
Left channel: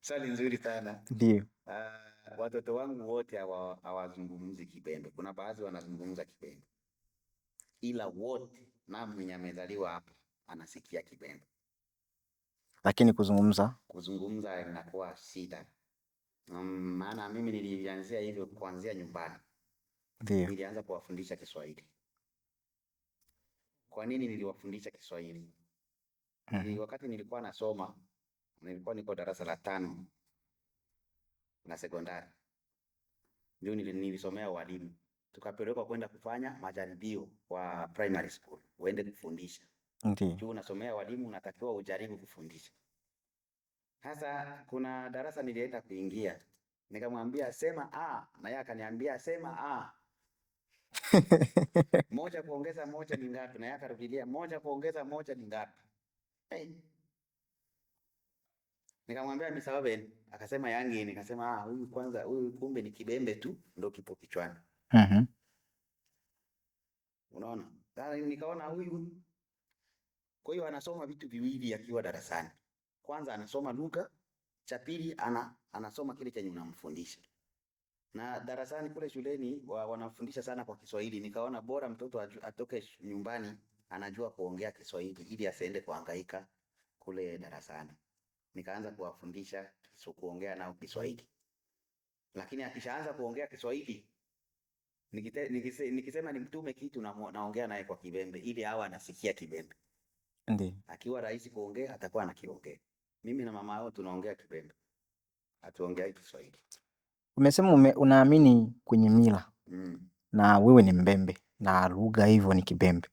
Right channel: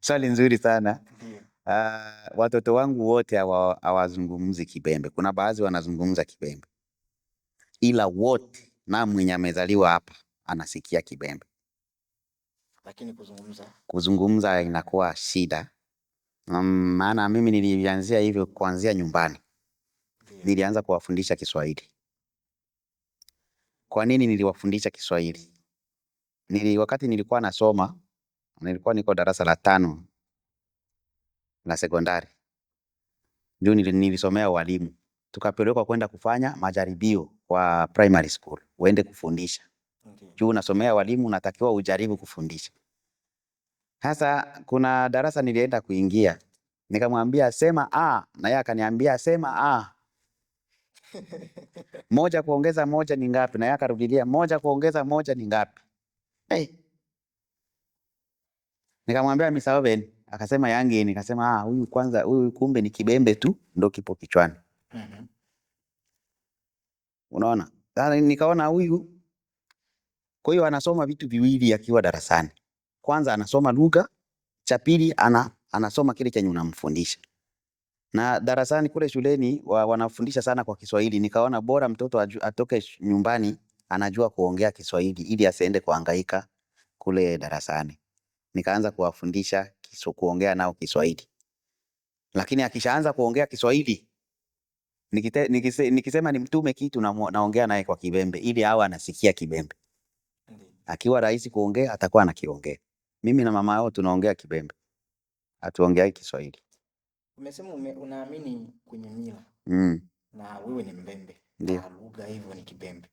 swali nzuri sana. Ndio. Watoto wangu wote hawazungumzi Kibembe. Kuna baadhi wanazungumza Kibembe, ila wote na mwenye amezaliwa hapa anasikia Kibembe. Lakini kuzungumza inakuwa shida. Maana mimi nilianzia hivyo kuanzia nyumbani. Nilianza kuwafundisha Kiswahili. Kwa nini niliwafundisha Kiswahili? Wakati nilikuwa nasoma, nilikuwa niko darasa la 5 la sekondari. Juu nilisomea walimu. Tukapelekwa kwenda kufanya majaribio kwa primary school, uende kufundisha. Juu unasomea walimu unatakiwa ujaribu kufundisha. Sasa kuna darasa nilienda kuingia, nikamwambia sema a, na yeye akaniambia sema a. 1 kuongeza 1 ni ngapi? Na yeye akarudilia 1 kuongeza 1 ni ngapi? Nikamwambia Mr. Oven, akasema yangi. Nikasema huyu kwanza, huyu kumbe ni Kibembe tu ndio kipo kichwani. Unaona? Sasa nikaona huyu, kwa hiyo anasoma vitu viwili akiwa darasani. Kwanza anasoma lugha, cha pili anasoma kile chenye unamfundisha. Na darasani kule shuleni wanafundisha sana kwa Kiswahili. Nikaona bora mtoto atoke nyumbani anajua kuongea Kiswahili ili asiende kuhangaika kule darasani. Nikaanza kuwafundisha kuongea nao Kiswahili. Lakini akishaanza kuongea Kiswahili Nikisema nimtume kitu naongea naye kwa Kibembe ili awe anasikia Kibembe. Ndiyo. Akiwa rahisi kuongea atakuwa anakiongea. Mimi na mama yao tunaongea Kibembe, hatuongeagi Kiswahili. Umesema unaamini kwenye mila na wewe ni Mbembe na lugha hivyo ni Kibembe,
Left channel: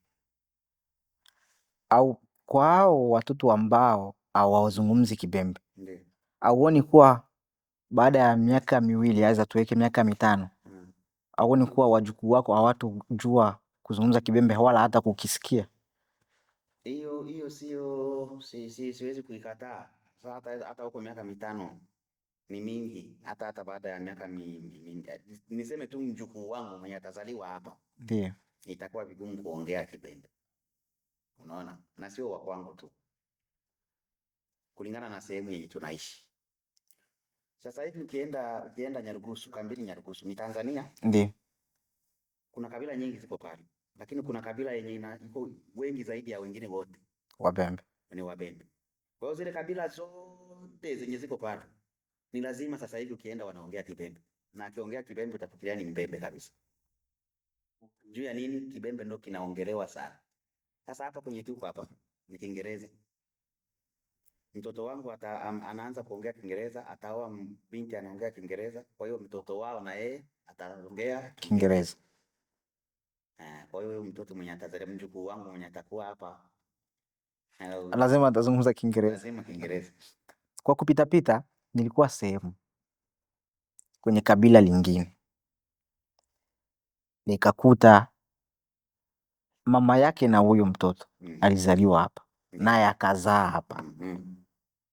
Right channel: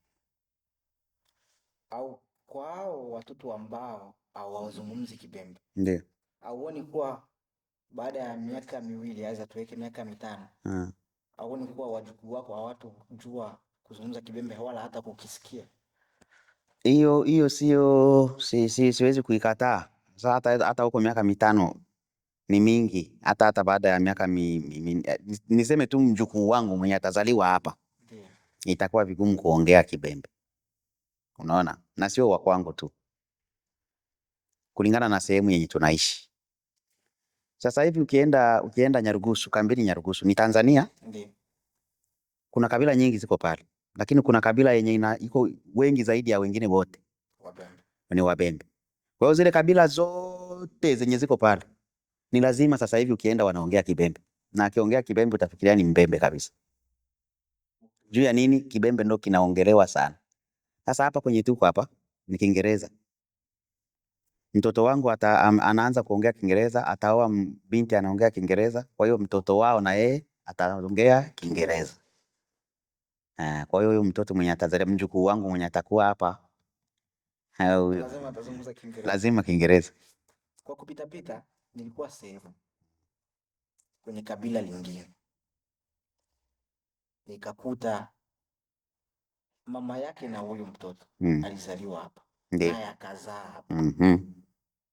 au kwa hao watoto ambao hawazungumzi Kibembe, Ndiyo. auoni kuwa baada ya miaka miwili, aweza tuweke miaka 5, auoni kuwa wajukuu wako hawatojua kuzungumza Kibembe wala hata kukisikia? Hiyo siwezi kuikataa. Sasa hata huko miaka 5 ni mingi, hata baada ya miaka niseme tu mjukuu wangu mwenye atazaliwa hapa, Ndiyo, itakuwa vigumu kuongea Kibembe. Unaona? Na sio wa kwangu tu, kulingana na sehemu yenye tunaishi. Sasa hivi ukienda Nyarugusu, Kambini Nyarugusu ni Tanzania. ndiyo, Kuna kabila nyingi ziko pale, lakini kuna kabila yenye iko wengi zaidi ya wengine wote, Wabembe. ni Wabembe. Kwa hiyo zile kabila zote zenye ziko pale ni lazima sasa hivi ukienda wanaongea Kibembe, na akiongea Kibembe utafikiria ni Mbembe kabisa. Juu ya nini? Kibembe ndo kinaongelewa sana. Sasa hapa kwenye tuko hapa ni Kiingereza. Mtoto wangu anaanza kuongea Kiingereza, ataoa binti anaongea Kiingereza, kwa hiyo mtoto wao na yeye ataongea Kiingereza. Kwa hiyo huyo mtoto mwenye atazaliwa, mjukuu wangu mwenye atakuwa hapa, Lazima atazungumza Kiingereza. lazima Kiingereza. Kwa kupitapita nilikuwa sehemu kwenye kabila lingine, nikakuta mama yake na huyo mtoto alizaliwa hapa, naye akazaa hapa.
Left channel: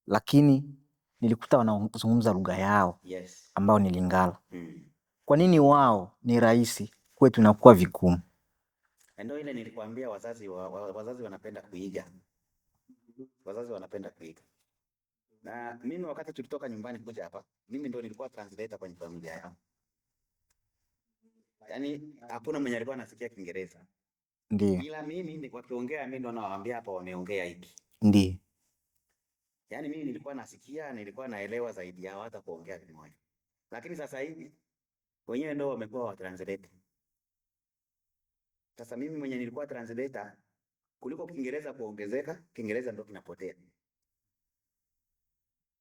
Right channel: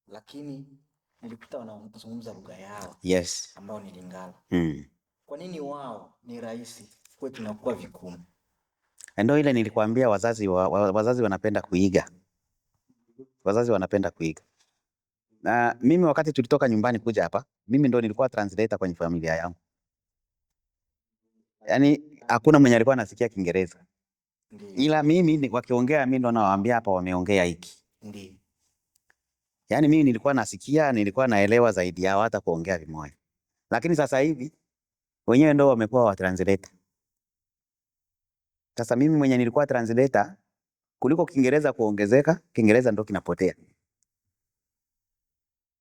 Lakini nilikuta wanazungumza lugha yao, ambao ni Lingala. Kwa nini wao ni rahisi, kwetu inakuwa vigumu? Ndio ile nilikwambia, wazazi wanapenda kuiga. Wazazi wanapenda kuiga. Na mimi wakati tulitoka nyumbani kuja hapa, mimi ndo nilikuwa translator kwenye familia yangu. Yaani hakuna mwenye alikuwa anasikia Kiingereza. Ndiyo. Ila mimi wakiongea, mimi ndo nawaambia hapa wameongea hiki. Ndiyo. Yaani mimi nilikuwa nasikia, nilikuwa naelewa zaidi yao hata kuongea vimoja. Lakini sasa hivi wenyewe ndo wamekuwa wa translator. Sasa mimi mwenye nilikuwa translator, kuliko Kiingereza kuongezeka, Kiingereza ndo kinapotea.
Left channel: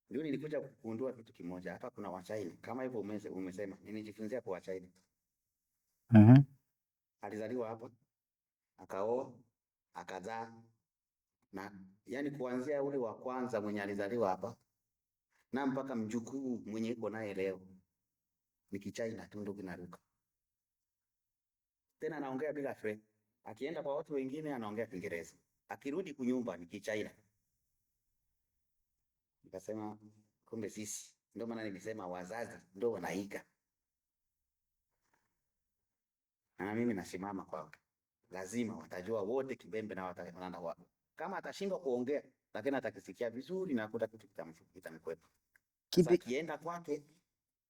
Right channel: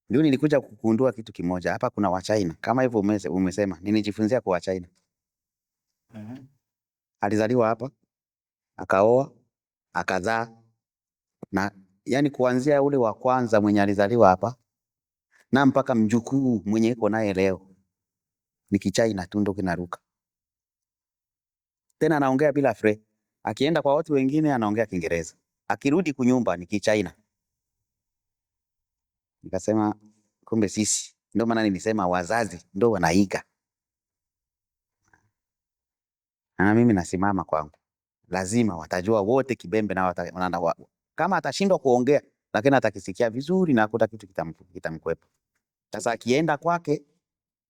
Ndio nilikuja kugundua kitu kimoja, hapa kuna Wachina. Kama hivyo umesema, nilijifunzia kwa Wachina. Alizaliwa hapa, akaoa, akazaa, na yani kuanzia ule wa kwanza mwenye alizaliwa hapa na mpaka mjukuu mwenye iko naye leo ni Kichina tu ndo kinaruka. Tena anaongea bila fre. Akienda kwa watu wengine anaongea Kiingereza. Akirudi kunyumba ni Kichina. Nikasema kumbe sisi, ndio maana nilisema wazazi ndio wanaiga. Na mimi nasimama kwangu, lazima watajua wote Kibembe na kama atashindwa kuongea, lakini atakisikia vizuri na hakuna kitu kitamkwepa. Sasa akienda kwake,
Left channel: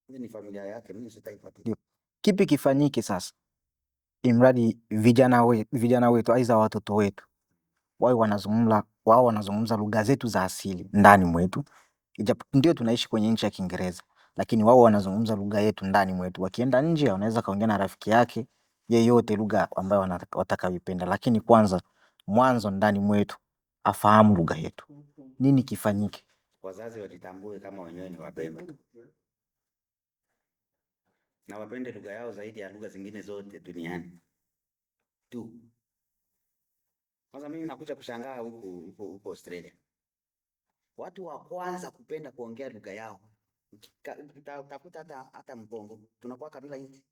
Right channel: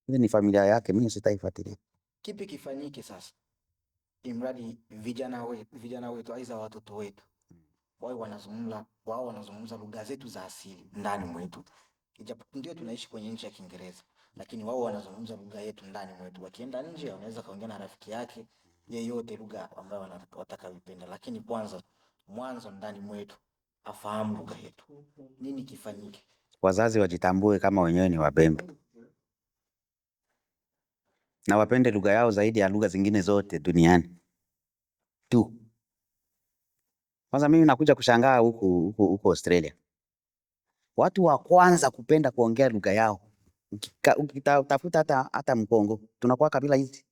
ile ni familia yake, mimi sitaifuatilia. Kipi kifanyike sasa imradi vijana wetu aidha watoto wetu wao wanazungumza lugha zetu za asili ndani mwetu? Ndio tunaishi kwenye nchi ya Kiingereza, lakini wao wanazungumza lugha yetu ndani mwetu. Wakienda nje wanaweza kaongea na rafiki yake yeyote lugha ambayo watakayoipenda, lakini mwanzo ndani mwetu afahamu lugha yetu. Nini kifanyike? Wazazi wajitambue kama wenyewe ni Wabembe na wapende lugha yao zaidi ya lugha zingine zote duniani tu. Kwanza mimi nakuja kushangaa huko Australia, watu wa kwanza kupenda kuongea lugha yao, ukitafuta hata Mkongo, tunakuwa kabila hizi.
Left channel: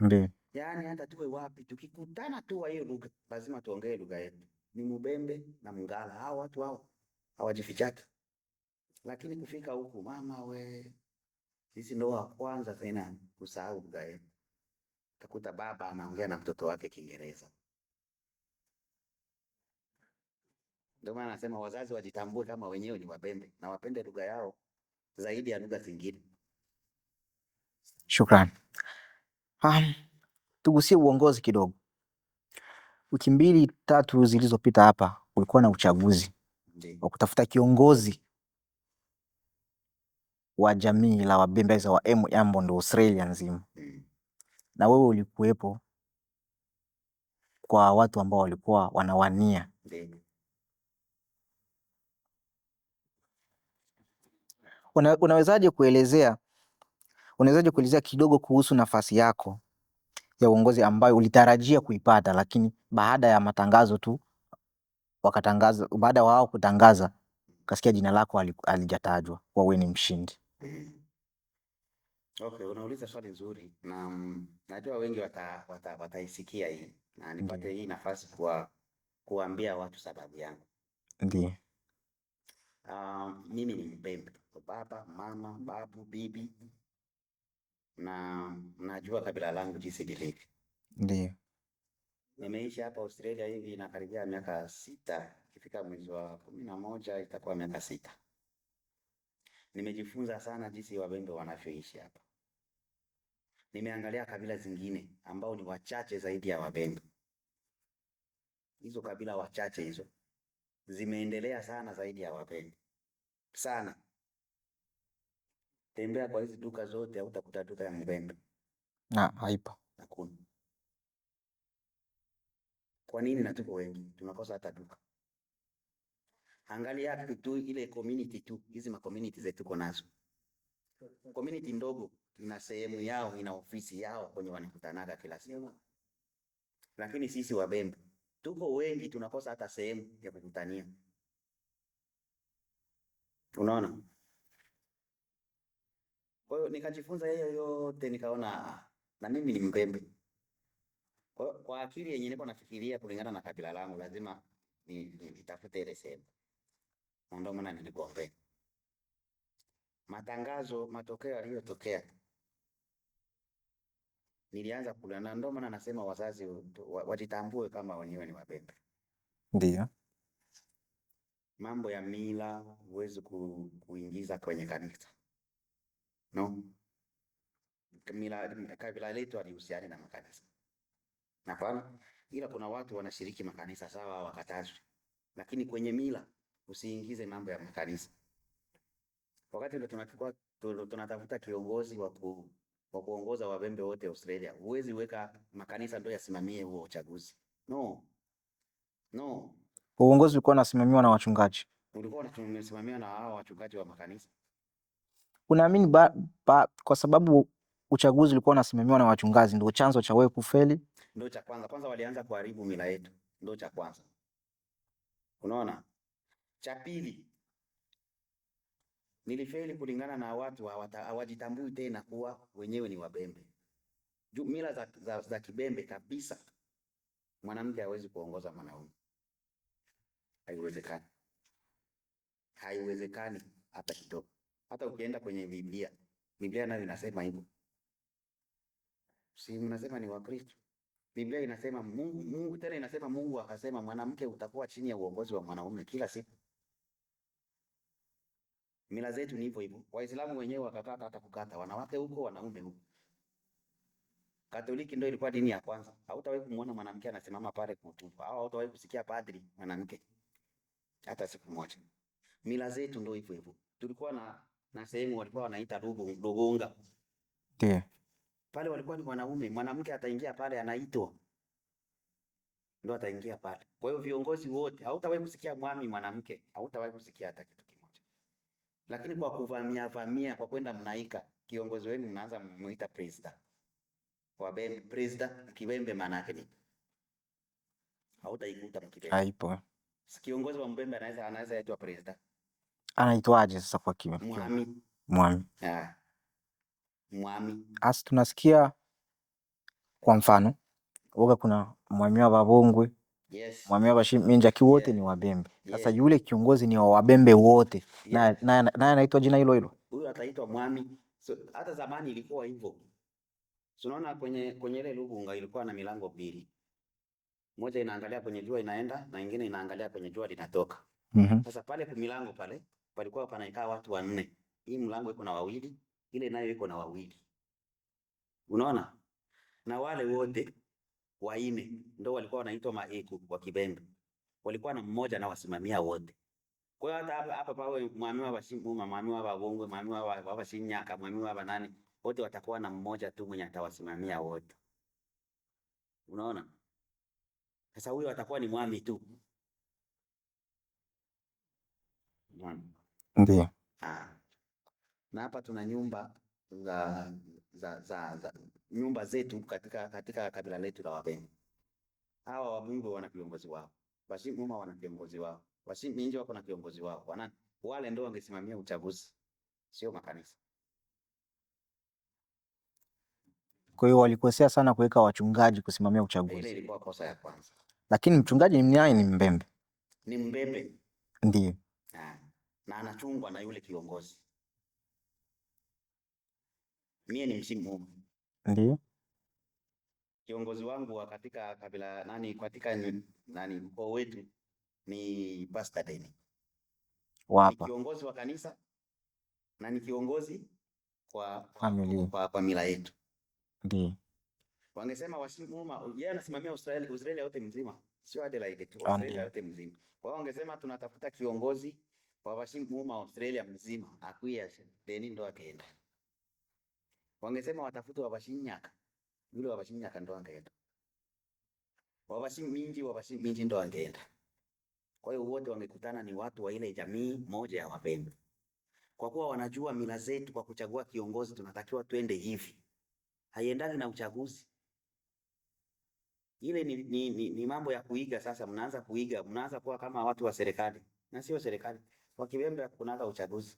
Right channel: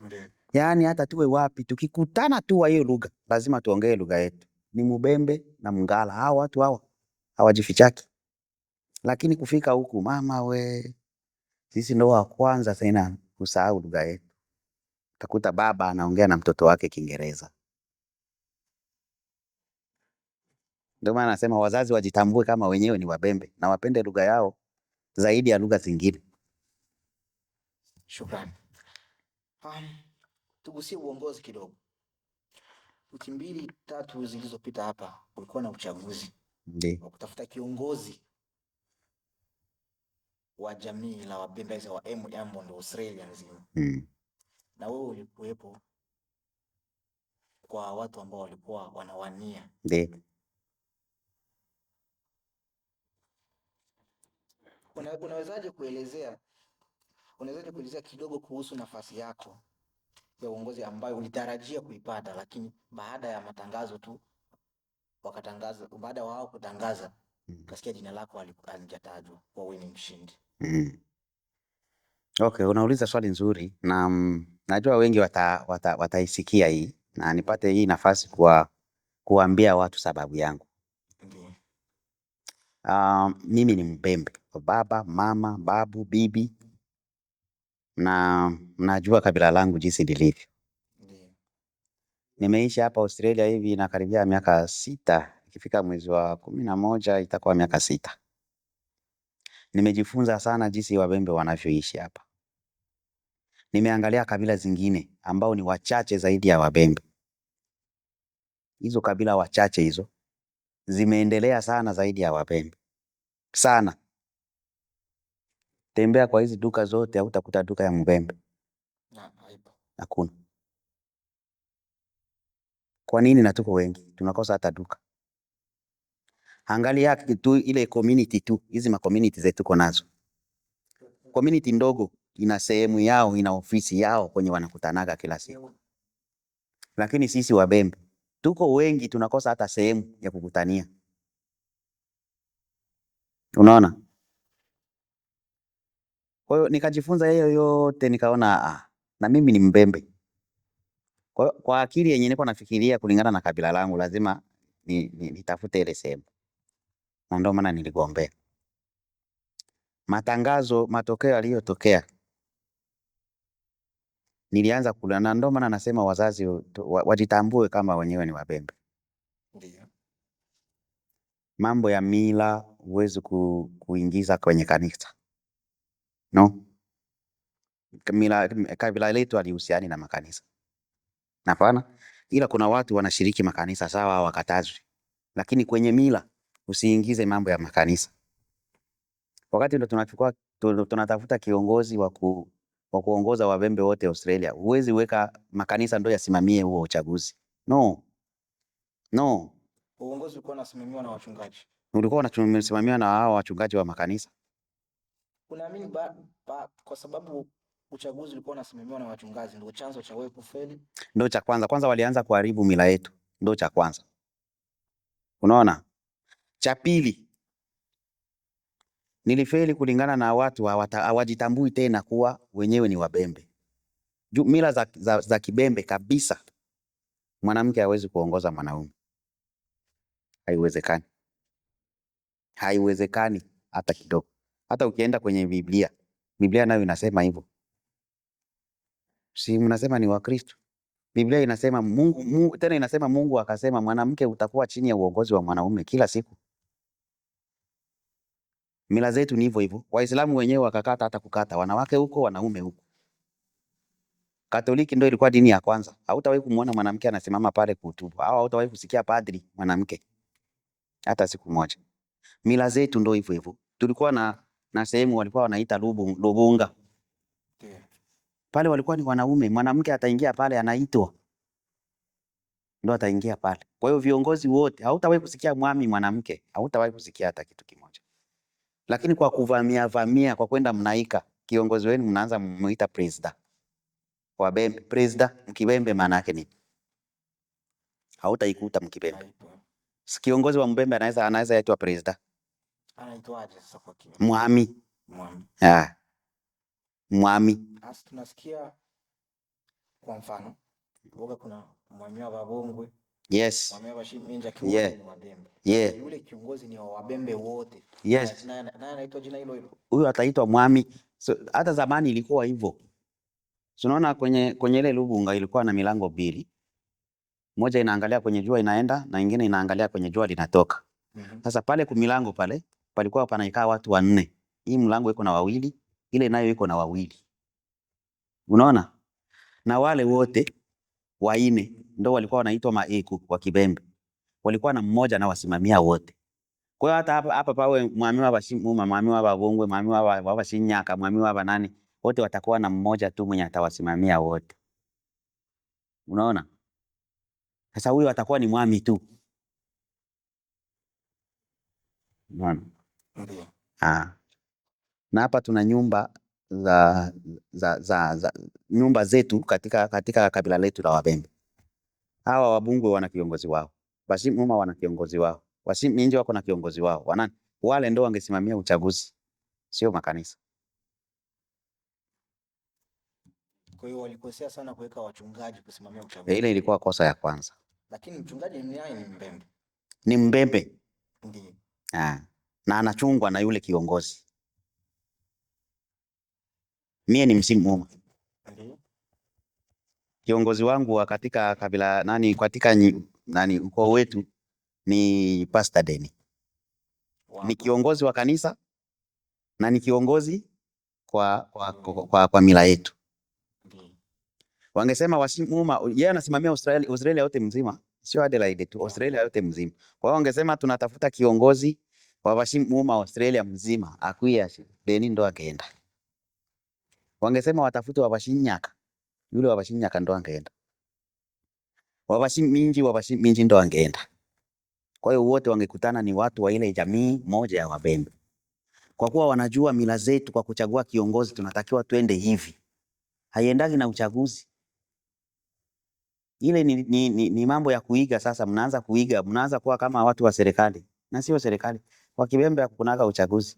Ndiyo. Yaani hata tuwe wapi, tukikutana tu wa hiyo lugha lazima tuongee lugha yetu. Ni Mubembe na Mngala, hao watu hao hawajifichaki. Lakini kufika huku, mama we, sisi ndo wa kwanza tena kusahau lugha yetu. Utakuta baba anaongea na mtoto wake Kiingereza. Ndio maana nasema wazazi wajitambue kama wenyewe ni Wabembe na wapende lugha yao zaidi ya lugha zingine. Shukrani. Tugusie uongozi kidogo. Wiki 2-3 zilizopita hapa kulikuwa na uchaguzi wa kutafuta kiongozi wa jamii la Wabembe wa Embu ndo Australia nzima. na wewe ulikuwepo kwa watu ambao walikuwa wanawania. Ndio. Unawezaje kuelezea kidogo kuhusu nafasi yako ya uongozi ambayo ulitarajia kuipata, lakini baada ya matangazo tu wakatangaza, baada wao kutangaza kasikia jina lako alijatajwa kuwa wewe ni mshindi? Okay, unauliza swali nzuri na najua wengi wataisikia hii na nipate hii nafasi kuambia watu sababu yangu. Ndiyo. Mimi ni Mbembe, baba, mama, babu, bibi, na mnajua kabila langu jinsi lilivyo. Ndiyo. Nimeishi hapa Australia hivi inakaribia miaka 6, ikifika mwezi wa 11 itakuwa miaka 6. Nimejifunza sana jinsi Wabembe wanavyoishi hapa. Nimeangalia kabila zingine ambao ni wachache zaidi ya Wabembe. Hizo kabila wachache hizo zimeendelea sana zaidi ya Wabembe. Sana. Tembea kwa hizi duka zote hautakuta duka ya Mbembe. Haipo. Hakuna. Kwa nini? Na tuko wengi tunakosa hata duka. Angalia tu ile community tu, hizi ma community zetu tuko nazo. Community ndogo ina sehemu yao, ina ofisi yao kwenye wanakutanaga kila siku. Lakini sisi Wabembe tuko wengi tunakosa hata sehemu ya kukutania. Unaona? Kwa hiyo nikajifunza hiyo yote, nikaona na mimi ni Mbembe. Kwa akili yenyewe niko nafikiria kulingana na kabila langu lazima nitafute ile sehemu. Na ndio maana niligombea. Matokeo yaliyotokea nilianza kula, na ndio maana nasema wazazi wajitambue kama wenyewe ni Wabembe. Ndiyo. Mambo ya mila huwezi kuingiza kwenye kanisa. No. Kabila letu halihusiani na makanisa. Hapana, ila kuna watu wanashiriki makanisa sawa, wakatazwe. Lakini kwenye mila usiingize mambo ya makanisa. Wakati ndo tunatafuta kiongozi wa kuongoza Wabembe wote Australia, huwezi weka makanisa ndo yasimamie huo uchaguzi. No. Uongozi ulikuwa unasimamiwa na wachungaji. Ulikuwa unasimamiwa na hao wachungaji wa makanisa. Unaamini kwa sababu uchaguzi ulikuwa unasimamiwa na wachungaji ndio chanzo cha wewe kufeli? Ndio cha kwanza. Kwanza walianza kuharibu mila yetu. Ndio cha kwanza. Unaona? Cha pili, nilifeli kulingana na watu hawajitambui tena kuwa wenyewe ni Wabembe. Mila za Kibembe kabisa, mwanamke hawezi kuongoza mwanaume. Haiwezekani. Haiwezekani hata kidogo. Hata ukienda kwenye Biblia nayo inasema hivyo. Si mnasema ni Wakristo? Biblia inasema Mungu tena inasema Mungu akasema mwanamke utakuwa chini ya uongozi wa mwanaume kila siku. Mila zetu ni hivyo hivyo. Waislamu wenyewe wakakata hata kukata, wanawake huko, wanaume huko. Katoliki ndio ilikuwa dini ya kwanza. Hautawahi kumuona mwanamke anasimama pale kuhutubu. Au hautawahi kusikia padri mwanamke hata siku moja. Mila zetu ndio hivyo hivyo. Tulikuwa na sehemu walikuwa wanaita Lubunga. Ndiyo. Pale walikuwa ni wanaume, mwanamke ataingia pale anaitwa. Ndio ataingia pale. Kwa hiyo viongozi wote hautawahi kusikia mwami mwanamke, hautawahi kusikia hata kitu kimoja. Lakini kwa kuvamia kwa kwenda mnaika, kiongozi wenu mnaanza muita president. Wabembe president Mkibembe maana yake nini? Hautaikuta Mkibembe. Haipo. Kiongozi wa Mbembe anaweza aitwa president. Anaitwaje sasa kwa Kibembe? Mwami. Mwami. Asi tunasikia kwa mfano uga kuna mwami wa Babongwe. Yes. Mwami wa Bashiminja wote ni Wabembe. Sasa yule kiongozi ni wa Wabembe wote. Yes. Naye anaitwa jina hilo hilo. Huyu ataitwa mwami. So, hata zamani ilikuwa hivyo. Tunaona kwenye ile Lubunga ilikuwa na milango 2. Moja inaangalia kwenye jua inaenda na nyingine inaangalia kwenye jua linatoka. Sasa pale kwa milango pale palikuwa panaikaa watu 4. Hii mlango iko na 2, ile nayo iko na 2. Unaona? Na wale wote 4 ndio walikuwa wanaitwa maeku wa Kibembe. Walikuwa na mmoja na wasimamia wote. Kwa hiyo hata hapa pawe mwami wa Bashimuma, mwami wa Babongwe, mwami wa Bashinyaka, mwami wa Banani, wote watakuwa na mmoja tu mwenye atawasimamia wote. Unaona? Sasa huyo atakuwa ni mwami tu. Unaona? Ndio. Na hapa tuna nyumba za nyumba zetu katika kabila letu la Wabembe. Hawa Wabungwe wana kiongozi wao, Washimuma wana kiongozi wao, Washiminji wako na kiongozi wao. Wanani? Wale ndio wangesimamia uchaguzi, sio makanisa. Kwa hiyo walikosea sana kuweka wachungaji kusimamia uchaguzi. Ile ilikuwa kosa ya kwanza. Lakini mchungaji naye ni Mbembe. Ni Mbembe. Ndio. Na anachungwa na yule kiongozi. Mie ni Mshimuma. Ndio. Kiongozi wangu wa katika kabila katika ukoo wetu ni Pastor Deni. Ni kiongozi wa kanisa na ni kiongozi kwa mila yetu. Ndio. Wangesema Washimuma, yeye anasimamia Australia yote mzima, sio Adelaide tu, Australia yote mzima. Kwa hiyo wangesema tunatafuta kiongozi wa Washimuma Australia mzima, akuya Deni ndo angeenda. Wangesema watafute wa Washinyaka, yule wa Washinyaka ndo angeenda. Wa Washiminji ndo angeenda. Kwa hiyo wote wangekutana ni watu wa ile jamii moja ya Wabembe. Kwa kuwa wanajua mila zetu, kwa kuchagua kiongozi tunatakiwa twende hivi. Haiendagi na uchaguzi. Ile ni mambo ya kuiga. Sasa mnaanza kuiga, mnaanza kuwa kama watu wa serikali, na sio serikali. Kwa Kibembe hakunaga uchaguzi.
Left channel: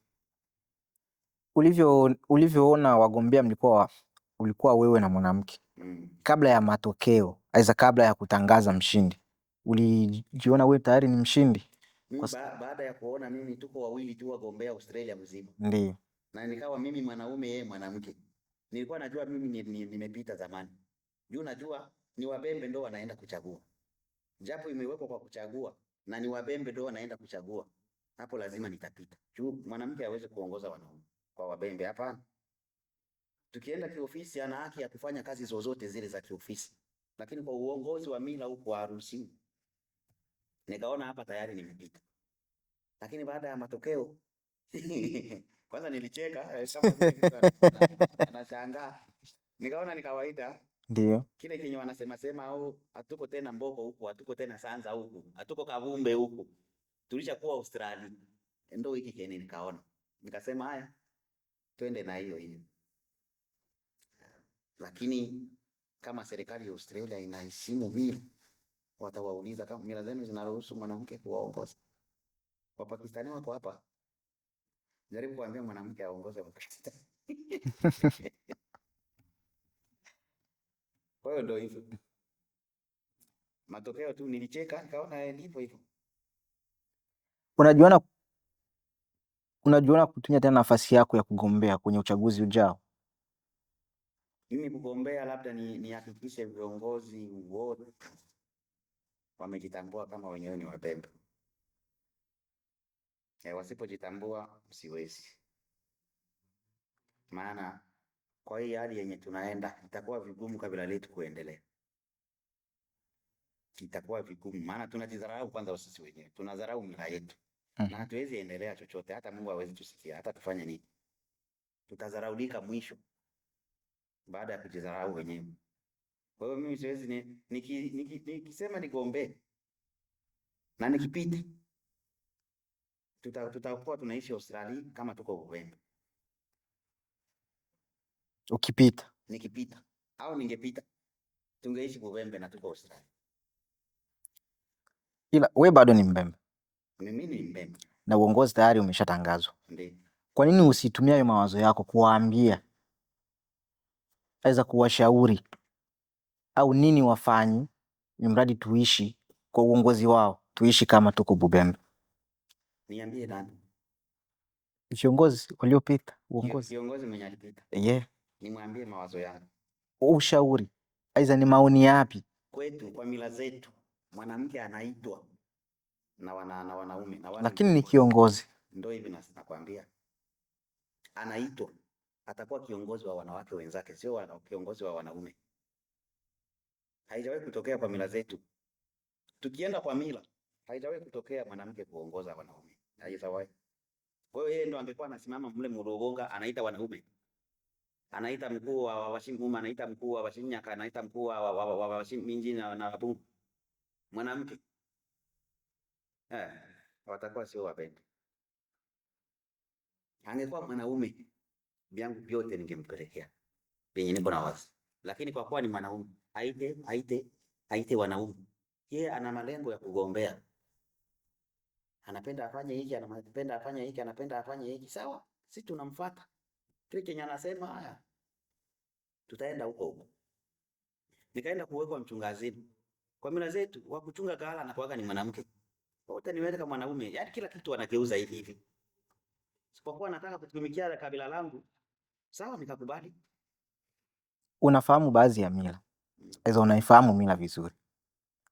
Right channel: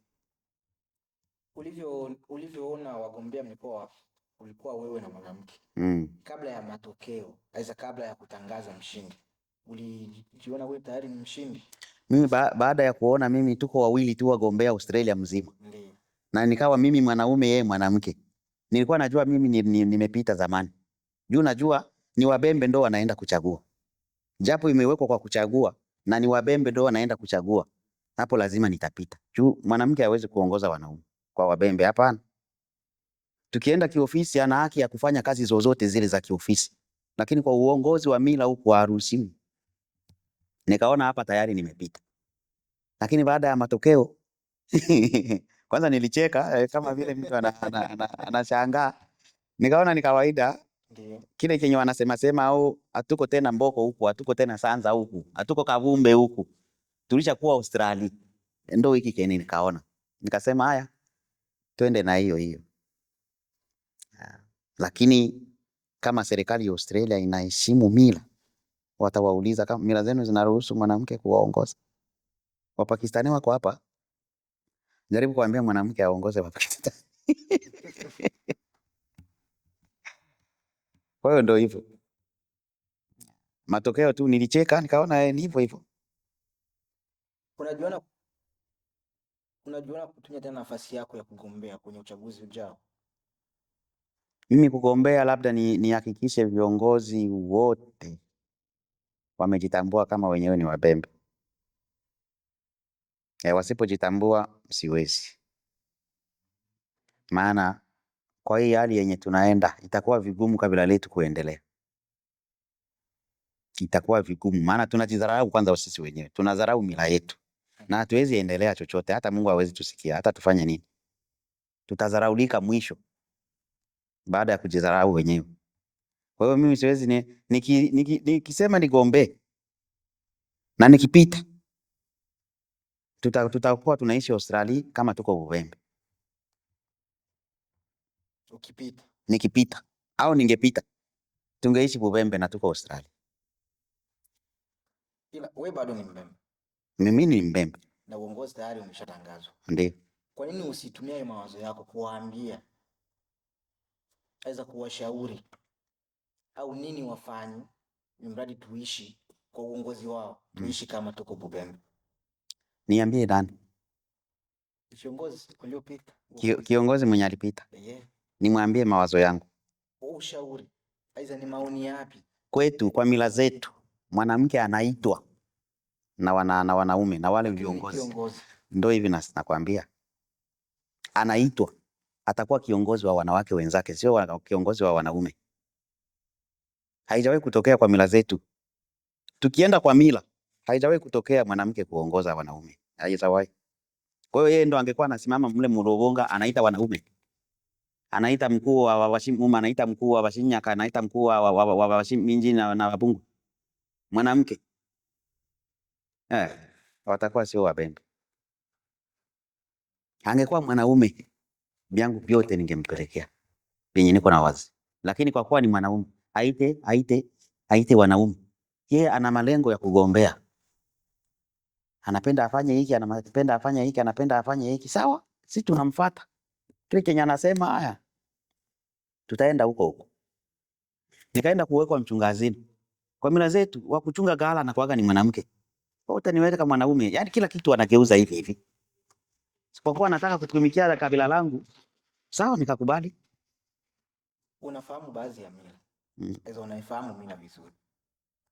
Ulivyoona wagombea ulikuwa wewe na mwanamke. Kabla ya matokeo, aidha kabla ya kutangaza mshindi, ulijiona wewe tayari ni mshindi? Mimi baada ya kuona mimi tuko wawili tu wagombea Australia mzima. Ndio. Na nikawa mimi mwanaume yeye mwanamke. Nilikuwa najua mimi nimepita zamani. Juu najua ni Wabembe ndo wanaenda kuchagua. Japo imewekwa kwa kuchagua na ni Wabembe ndo wanaenda kuchagua. Hapo lazima nitapita. Juu mwanamke hawezi kuongoza wanaume kwa Wabembe, hapana. Tukienda kiofisi ana haki ya kufanya kazi zozote zile za kiofisi. Lakini kwa uongozi wa mila huko haruhusiwi. Nikaona hapa tayari nimepita. Lakini baada ya matokeo kwanza nilicheka kama vile mtu anashangaa. Nikaona ni kawaida. Ndio. Kile kenye wanasema au hatuko tena Mboko huku, hatuko tena Sanza huku, hatuko Kavumbe huku. Tulishakuwa Australia. Ndio hiki kenye nikaona. Nikasema haya, twende na hiyo. Lakini kama serikali ya Australia inaheshimu mila, watawauliza kama mila zenu zinaruhusu mwanamke kuwaongoza. Wapakistani wako hapa. Jaribu kuambia mwanamke aongoze Wapakistani. Kwa hiyo ndio hivyo. Matokeo tu nilicheka, nikaona ni hivyo. Unajiona kutumia tena nafasi yako ya kugombea kwenye uchaguzi ujao? Mimi kugombea labda nihakikishe viongozi wote wamejitambua kama wenyewe ni Wabembe. Wasipojitambua siwezi. Maana kwa hii hali yenye tunaenda itakuwa vigumu kabila letu kuendelea. Itakuwa vigumu maana tunajidharau kwanza sisi wenyewe. Tunadharau mila yetu. Na hatuwezi endelea chochote, hata Mungu hawezi tusikia, hata tufanye nini. Tutadharaulika mwisho baada ya kujidharau wenyewe. Kwa hiyo mimi siwezi nikisema nigombee na nikipita tutakuwa tunaishi Australia kama tuko Bubembe. Ukipita? Nikipita au ningepita tungeishi Bubembe na tuko Australia. Ila we bado ni Mbembe? Mimi ni Mbembe. Na uongozi tayari umeshatangazwa. Ndio. Kwa nini usitumia hayo mawazo yako kuwaambia, aidha kuwashauri au nini wafanye, mradi tuishi kwa uongozi wao, tuishi kama tuko Bubembe? Niambie nani? Viongozi waliopita. Kiongozi mwenye alipita. Nimwambie mawazo yangu. Ushauri aidha ni maoni yapi? Kwetu kwa mila zetu mwanamke anaitwa na wanaume na wale. Lakini ni kiongozi. Ndio hivi nakwambia. Anaitwa, atakuwa kiongozi wa wanawake wenzake, sio kiongozi wa wanaume. Haijawahi kutokea kwa mila zetu. Tukienda kwa mila, haijawahi kutokea mwanamke kuongoza wanaume. Haijawahi. Kwa hiyo yeye ndo angekuwa anasimama mle Mlobonga anaita wanaume. anaita mkuu wa Washimuma, anaita mkuu wa Washinyaka, anaita mkuu wa Washiminji na Wabungu mwanamke, watakuwa sio Wabembe. Angekuwa mwanaume vyangu vyote ningempelekea penye niko na wazi, lakini kwa kuwa ni mwanaume aite wanaume. Yeye ana malengo ya kugombea, anapenda afanye hiki, anapenda afanye hiki, anapenda afanye hiki. Sawa, sisi tunamfuata kile kenye anasema. Haya, tutaenda huko huko. Nikaenda kuwekwa mchungazini. Kwa mila zetu wa kuchunga ghala na kuaga ni mwanamke. Kwa utaniweka kama mwanaume, yani kila kitu anageuza hivi hivi. Sipokuwa nataka kutumikia kabila langu, sawa, nikakubali. Unafahamu baadhi ya mila hizo, unaifahamu mila vizuri,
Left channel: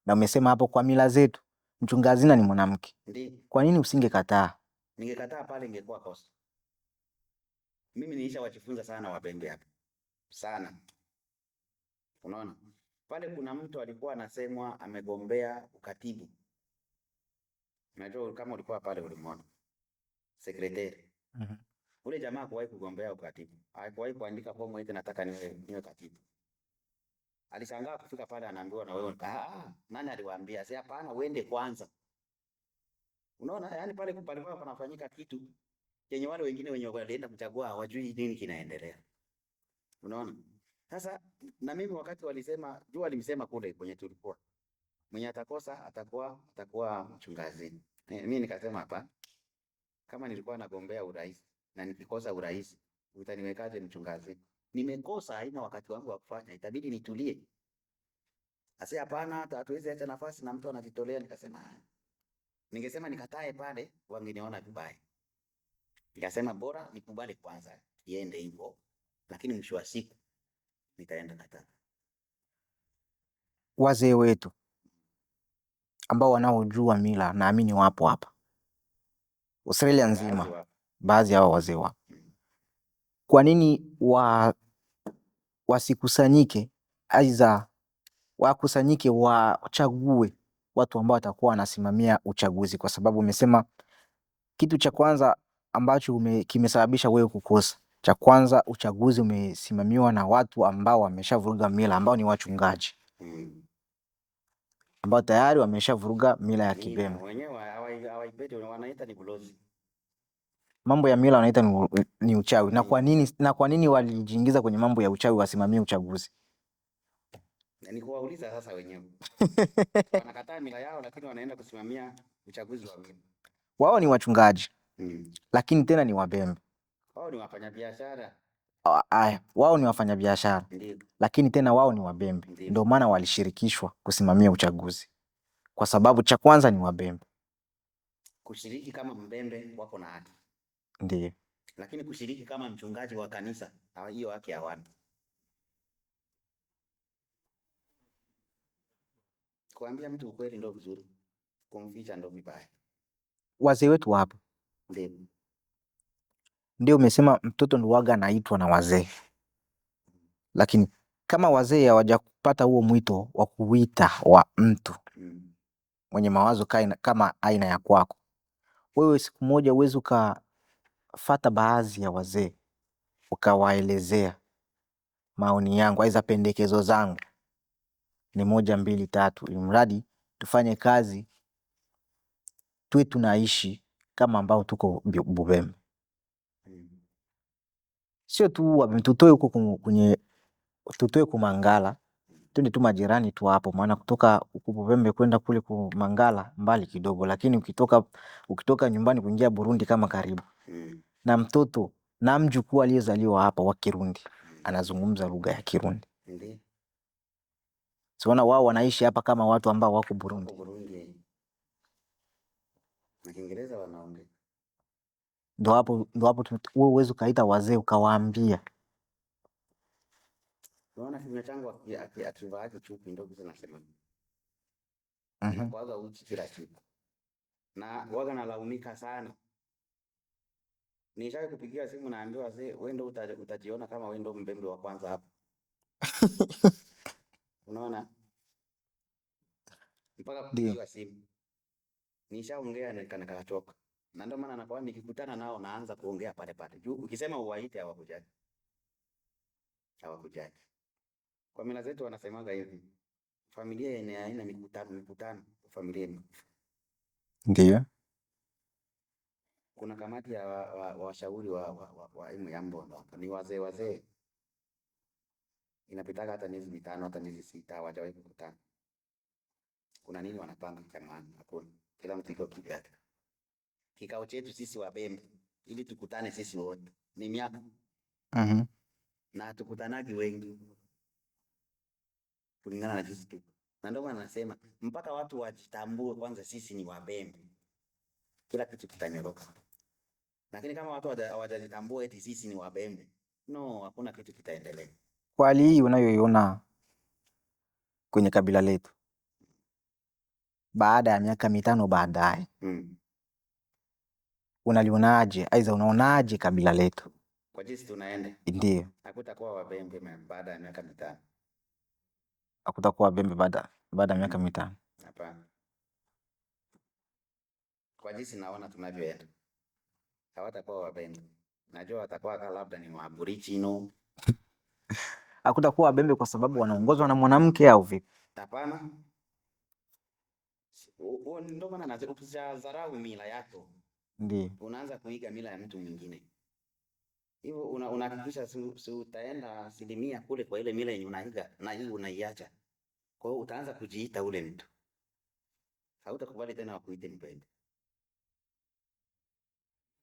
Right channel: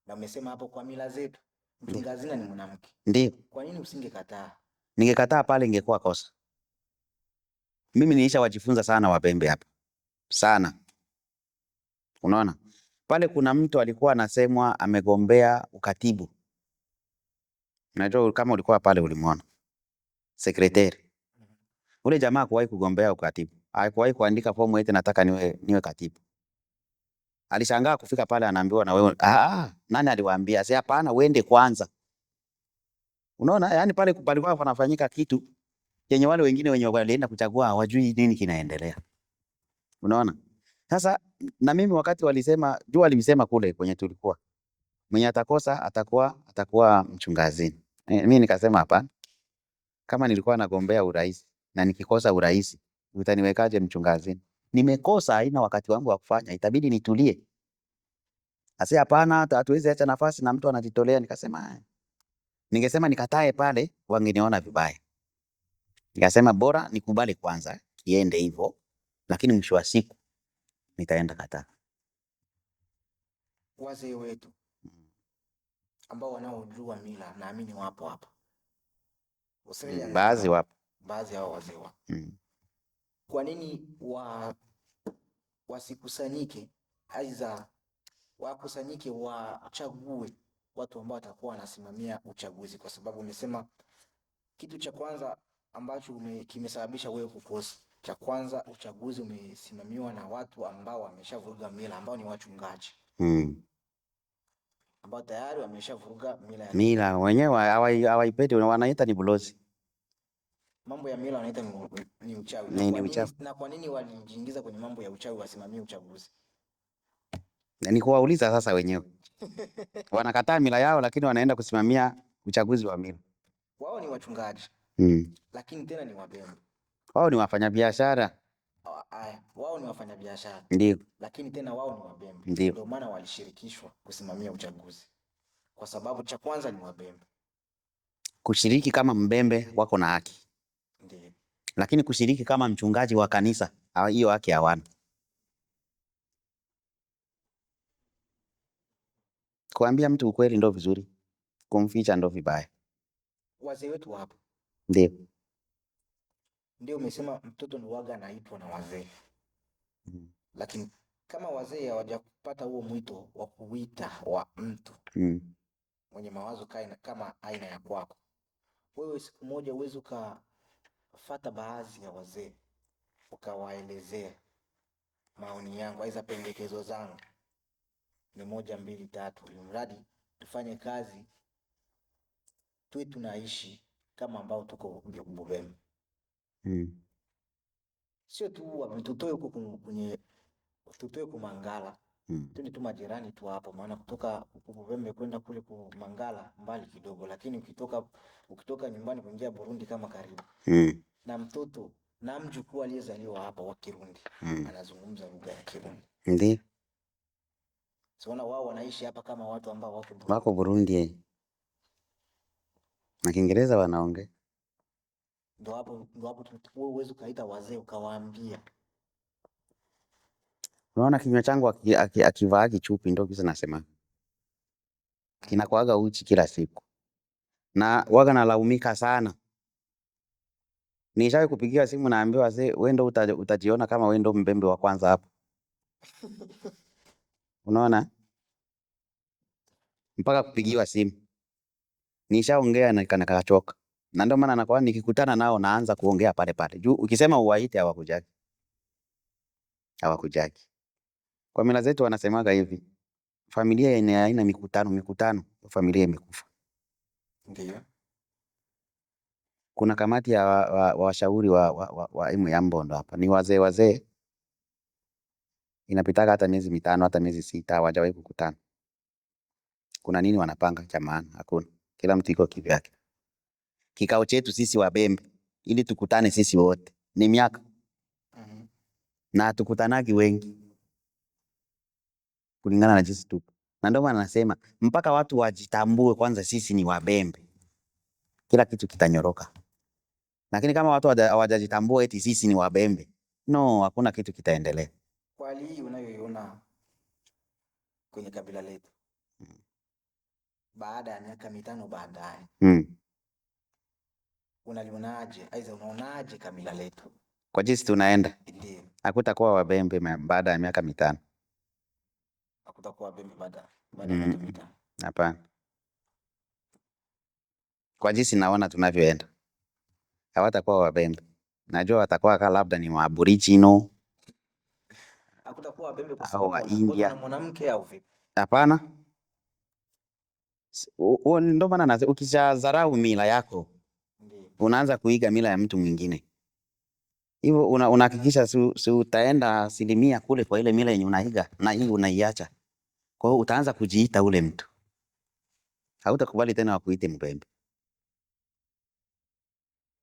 na umesema hapo kwa mila zetu mchunga hazina ni mwanamke. Ndio. Kwa nini usingekataa? Ningekataa pale ingekuwa kosa. Mimi nilisha wajifunza sana Wapembe hapa sana. Unaona, pale kuna mtu alikuwa anasemwa amegombea ukatibu. Unajua kama ulikuwa pale ulimwona sekretari. Ule jamaa hakuwahi kugombea ukatibu, hakuwahi kuandika fomu eti nataka niwe katibu. Alishangaa kufika pale anaambiwa na wewe, nani aliwaambia? Sasa hapana, uende kwanza. Unaona, yani pale palikuwa panafanyika kitu yenye wale wengine wenye walienda kuchagua hawajui nini kinaendelea. Unaona? Sasa na mimi wakati walisema, jua alimsema kule kwenye tulikuwa, mwenye atakosa atakuwa mchungazini. Mimi nikasema hapana. Kama nilikuwa nagombea urais na nikikosa urais, utaniwekaje mchungazini? Nimekosa, haina wakati wangu wa kufanya, itabidi nitulie. Ase hapana, hatuwezi acha nafasi na mtu anajitolea. Nikasema ningesema nikatae pale, wangeniona vibaya. Nikasema bora nikubali kwanza iende hivyo, lakini mwisho wa siku nitaenda kataa. Wazee wetu ambao wanaojua mila, naamini wapo hapa Australia nzima, baadhi hao wazee wapo. Kwa nini wasikusanyike, aidha wakusanyike, wachague watu ambao watakuwa wanasimamia uchaguzi? Kwa sababu umesema kitu cha kwanza ambacho kimesababisha wewe kukosa, cha kwanza uchaguzi umesimamiwa na watu ambao wameshavuruga mila, ambao ni wachungaji ambao tayari wameshavuruga mila ya mila wenyewe hawaipendi, wanaita ni bulozi. Mambo ya mila wanaita ni uchawi. Na kwa nini walijiingiza kwenye mambo ya uchawi wasimamie uchaguzi? Ni kuwauliza sasa wenyewe. Wanakataa mila yao lakini wanaenda kusimamia uchaguzi wa mila. Wao ni wachungaji. Lakini tena ni Wabembe. Wao ni wafanyabiashara. Wao ni wafanyabiashara. Ndio. Lakini tena wao ni Wabembe. Ndio maana walishirikishwa kusimamia uchaguzi. Kwa sababu cha kwanza ni Wabembe. Kushiriki kama Mbembe wako na haki. Ndio. Lakini kushiriki kama mchungaji wa kanisa, hiyo haki hawana. Kuambia mtu ukweli ndo vizuri, kumficha ndo vibaya. Wazee wetu wapo. Ndio umesema mtoto ndo waga anaitwa na wazee. Lakini kama wazee hawajakupata huo mwito wa kuita wa mtu mwenye mawazo kama aina ya kwako, wewe siku moja uweze ukafata baadhi ya wazee ukawaelezea maoni yangu, aidha pendekezo zangu ni 1, 2, 3, ili mradi tufanye kazi, tuwe tunaishi kama ambao tuko Bubembe. Sio tu tutoe huko kwenye tutoe Kumangala, twende tu majirani tu hapo, maana kutoka huko Bubembe kwenda kule Kumangala mbali kidogo, lakini ukitoka nyumbani kuingia Burundi kama karibu. Na mtoto na mjukuu aliyezaliwa hapa wa Kirundi anazungumza lugha ya Kirundi. Ndio. Siona wao wanaishi hapa kama watu ambao wako Burundi. Wako Burundi. Na Kiingereza wanaongea. Ndio hapo wewe uweze ukaita wazee ukawaambia. Unaona kinywa changu akivaa kichupi ndio kisa nasema. Kinakuaga uchi kila siku. Na waga nalaumika sana. Nishawahi kupigia simu naambiwa wazee, wewe ndio utajiona kama wewe ndio Mbembe wa kwanza hapa. Unaona? Mpaka kupigiwa simu. Nishaongea na nikachoka. Na ndio maana nakuwa nikikutana nao naanza kuongea pale pale. Juu ukisema uwaite hawakujaki. hawakujagi. Kwa mila zetu wanasemaga hivi, familia yenye haina mikutano, familia imekufa. Ndio. Kuna kamati ya washauri wa ya Mbondo hapa, ni wazee, inapitaga hata miezi 5 hata miezi 6 hawajawahi kukutana. Kuna nini wanapanga cha maana? Hakuna, kila mtu iko kivyake. Kikao chetu sisi Wabembe ili tukutane sisi wote ni miaka na tukutanagi wengi kulingana na jinsi tupo, na ndio maana nasema mpaka watu wajitambue kwanza sisi ni Wabembe, kila kitu kitanyoroka. Lakini kama watu hawajajitambua eti sisi ni Wabembe, no, hakuna kitu kitaendelea. Kwa hali hii unayoiona kwenye kabila letu baada ya miaka 5 baadaye, unalionaje? Aidha, unaonaje kabila letu kwa jinsi tunaenda? Ndio. Hakutakuwa Wabembe baada ya miaka 5. Hakutakuwa Wabembe baada ya miaka 5. Hapana. Kwa jinsi naona tunavyoenda, hawatakuwa Wabembe. Najua watakuwa labda ni Aboriginal. Hakutakuwa Wabembe kwa sababu wanaongozwa na mwanamke au vipi? Hapana. Ndio maana ukishadharau mila yako, ndio unaanza kuiga mila ya mtu mwingine. Hivyo unahakikisha si utaenda 100% kule kwa ile mila yenye unaiga na hii unaiacha. Kwa hiyo utaanza kujiita ule mtu. Hautakubali tena wakuite Mbembe.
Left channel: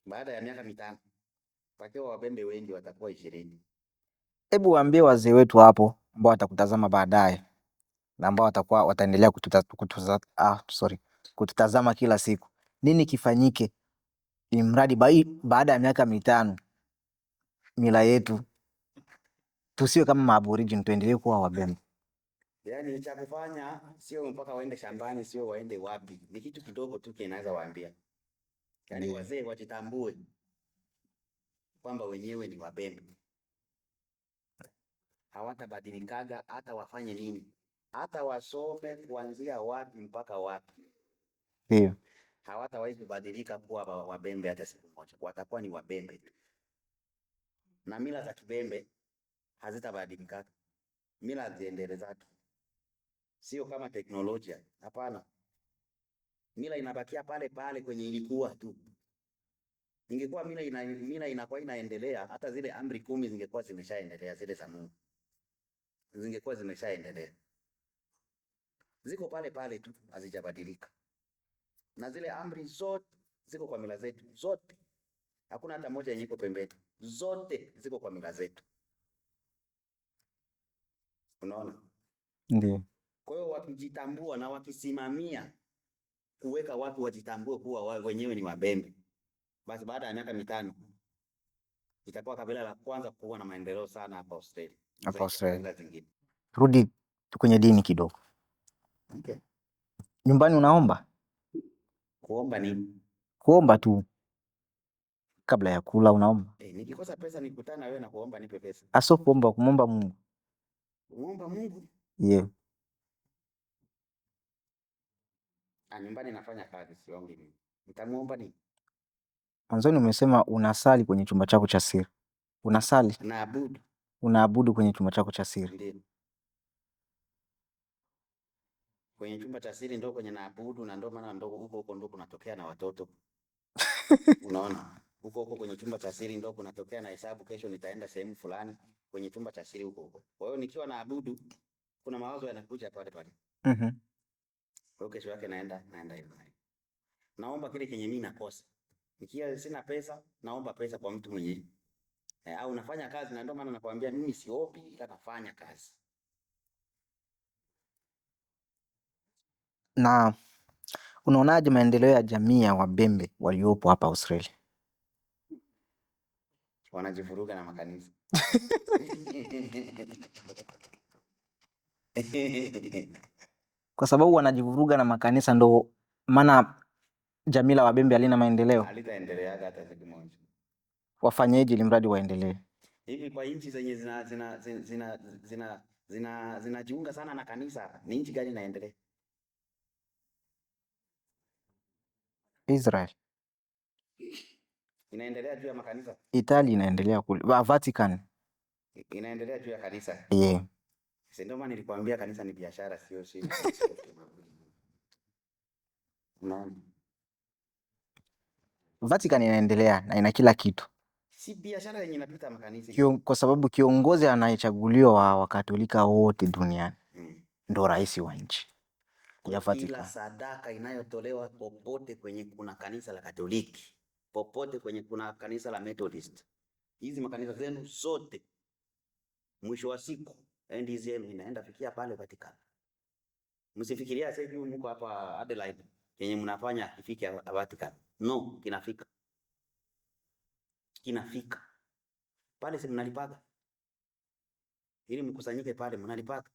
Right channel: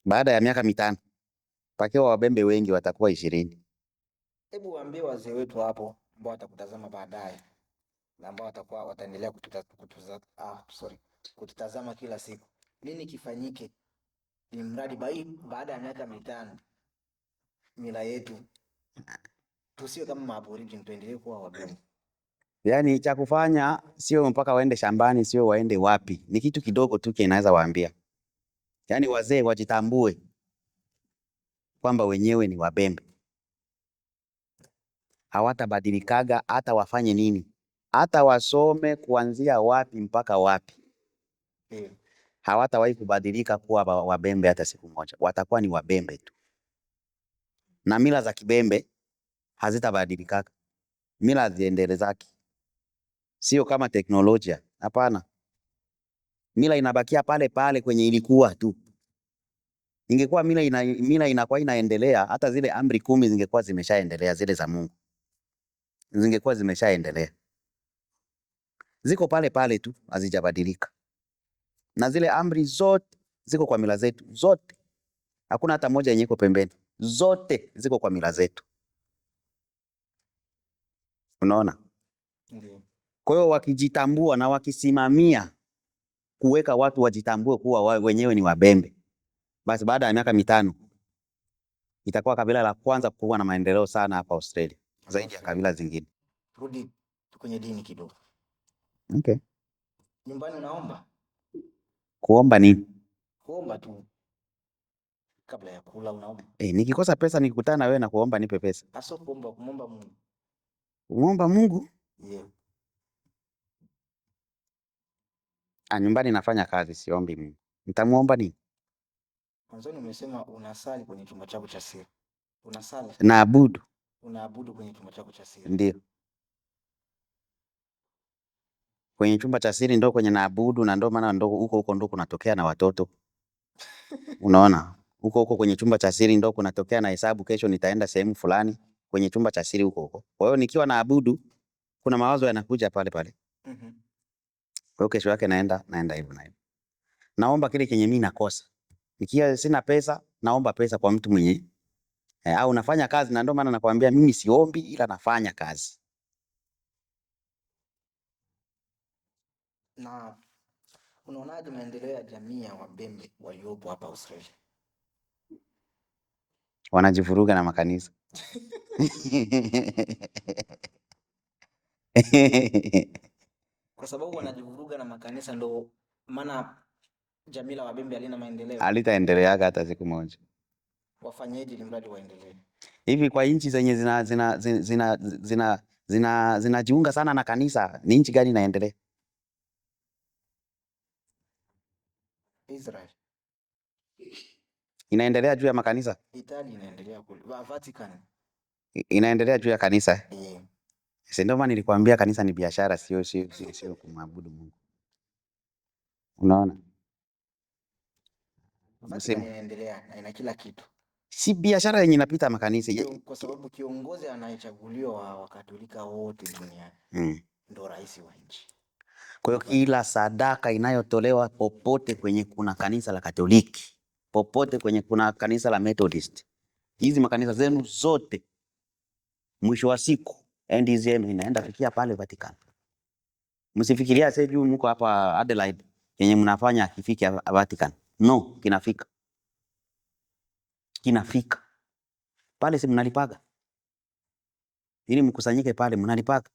Baada ya miaka 5 pakiwa Wabembe wengi watakuwa 20. Hebu waambie wazee wetu hapo ambao watakutazama baadaye na ambao wataendelea kututazama kila siku, nini kifanyike ili mradi baada ya miaka 5 mila yetu tusiwe kama Maaborigini, tuendelee kuwa Wabembe? Yaani cha kufanya sio mpaka waende shambani, sio waende wapi, ni kitu kidogo tu kinaweza waambia. Yaani wazee wajitambue kwamba wenyewe ni Wabembe. Hawatabadilikaga hata wafanye nini, hata wasome kuanzia wapi mpaka wapi. Ndio. Hawatawahi kubadilika kuwa Wabembe hata siku moja. Watakuwa ni Wabembe tu. Na mila za Kibembe hazitabadilikaga. Mila ziendelezake. Sio kama teknolojia. Hapana. Mila inabakia pale pale kwenye ilikuwa tu. Ingekuwa mila inakuwa inaendelea, hata zile amri 10 zingekuwa zimeshaendelea, zile za Mungu zingekuwa zimeshaendelea. Ziko pale pale tu, hazijabadilika. Na zile amri zote ziko kwa mila zetu zote. Hakuna hata moja yenye iko pembeni. Zote ziko kwa mila zetu. Unaona? Ndio. Kwa hiyo wakijitambua na wakisimamia kuweka watu wajitambue kuwa wenyewe ni Wabembe, basi baada ya miaka 5 itakuwa kabila la kwanza kuwa na maendeleo sana hapa Australia zaidi ya kabila zingine. Rudi kwenye dini kidogo. Okay. Nyumbani unaomba? Kuomba nini? Kuomba tu. Kabla ya kula unaomba? Nikikosa pesa nikikutana na wewe na kuomba nipe pesa. Aso kuomba, kumomba Mungu. Kumomba Mungu? Yeah. Nyumbani nafanya kazi, siombi Mungu. Nitamuomba nini? Mwanzoni umesema unasali kwenye chumba chako cha siri. Unasali? Naabudu. Unaabudu kwenye chumba chako cha siri? Ndio. Kwenye chumba cha siri ndo kwenye naabudu, na ndo maana ndo huko ndo kunatokea na watoto. Unaona? Huko kwenye chumba cha siri ndo kunatokea na hesabu, kesho nitaenda sehemu fulani, kwenye chumba cha siri huko. Kwa hiyo nikiwa naabudu kuna mawazo yanakuja pale pale. Kwa hiyo kesho yake naenda hivyo na hivyo. Naomba kile kenye mimi nakosa. Nikiwa sina pesa, naomba pesa kwa mtu mwenye au nafanya kazi, na ndio maana nakwambia mimi siombi ila nafanya kazi. Na unaonaje maendeleo ya jamii ya Wabembe waliopo hapa Australia? Wanajivuruga na makanisa. Kwa sababu wanajivuruga na makanisa ndo maana jamii la Wabembe halina maendeleo? Halitaendeleaga hata siku moja. Wafanyeje ili mradi waendelee? Hivi kwa nchi zenye zinajiunga sana na kanisa, ni nchi gani inaendelea? Israel inaendelea juu ya makanisa. Italy inaendelea kule. Vatican Inaendelea juu ya kanisa. Yeah. Si ndio maana nilikwambia kanisa ni biashara, sio kumwabudu Mungu. Unaona? Vatican inaendelea na ina kila kitu. Si biashara yenye inapita makanisa. Kwa sababu kiongozi anayechaguliwa wa Wakatolika wote duniani ndo rais wa nchi. Kwa hiyo kila sadaka inayotolewa popote kwenye kuna kanisa la Katoliki, popote kwenye kuna kanisa la Methodist, hizi makanisa zenu zote, mwisho wa siku endi zenu inaenda kufikia pale Vatican. Msifikiria sasa hivi mko hapa Adelaide yenye mnafanya akifiki Vatican. No, kinafika. Kinafika. Pale si mnalipaga. Ili mkusanyike pale mnalipaga.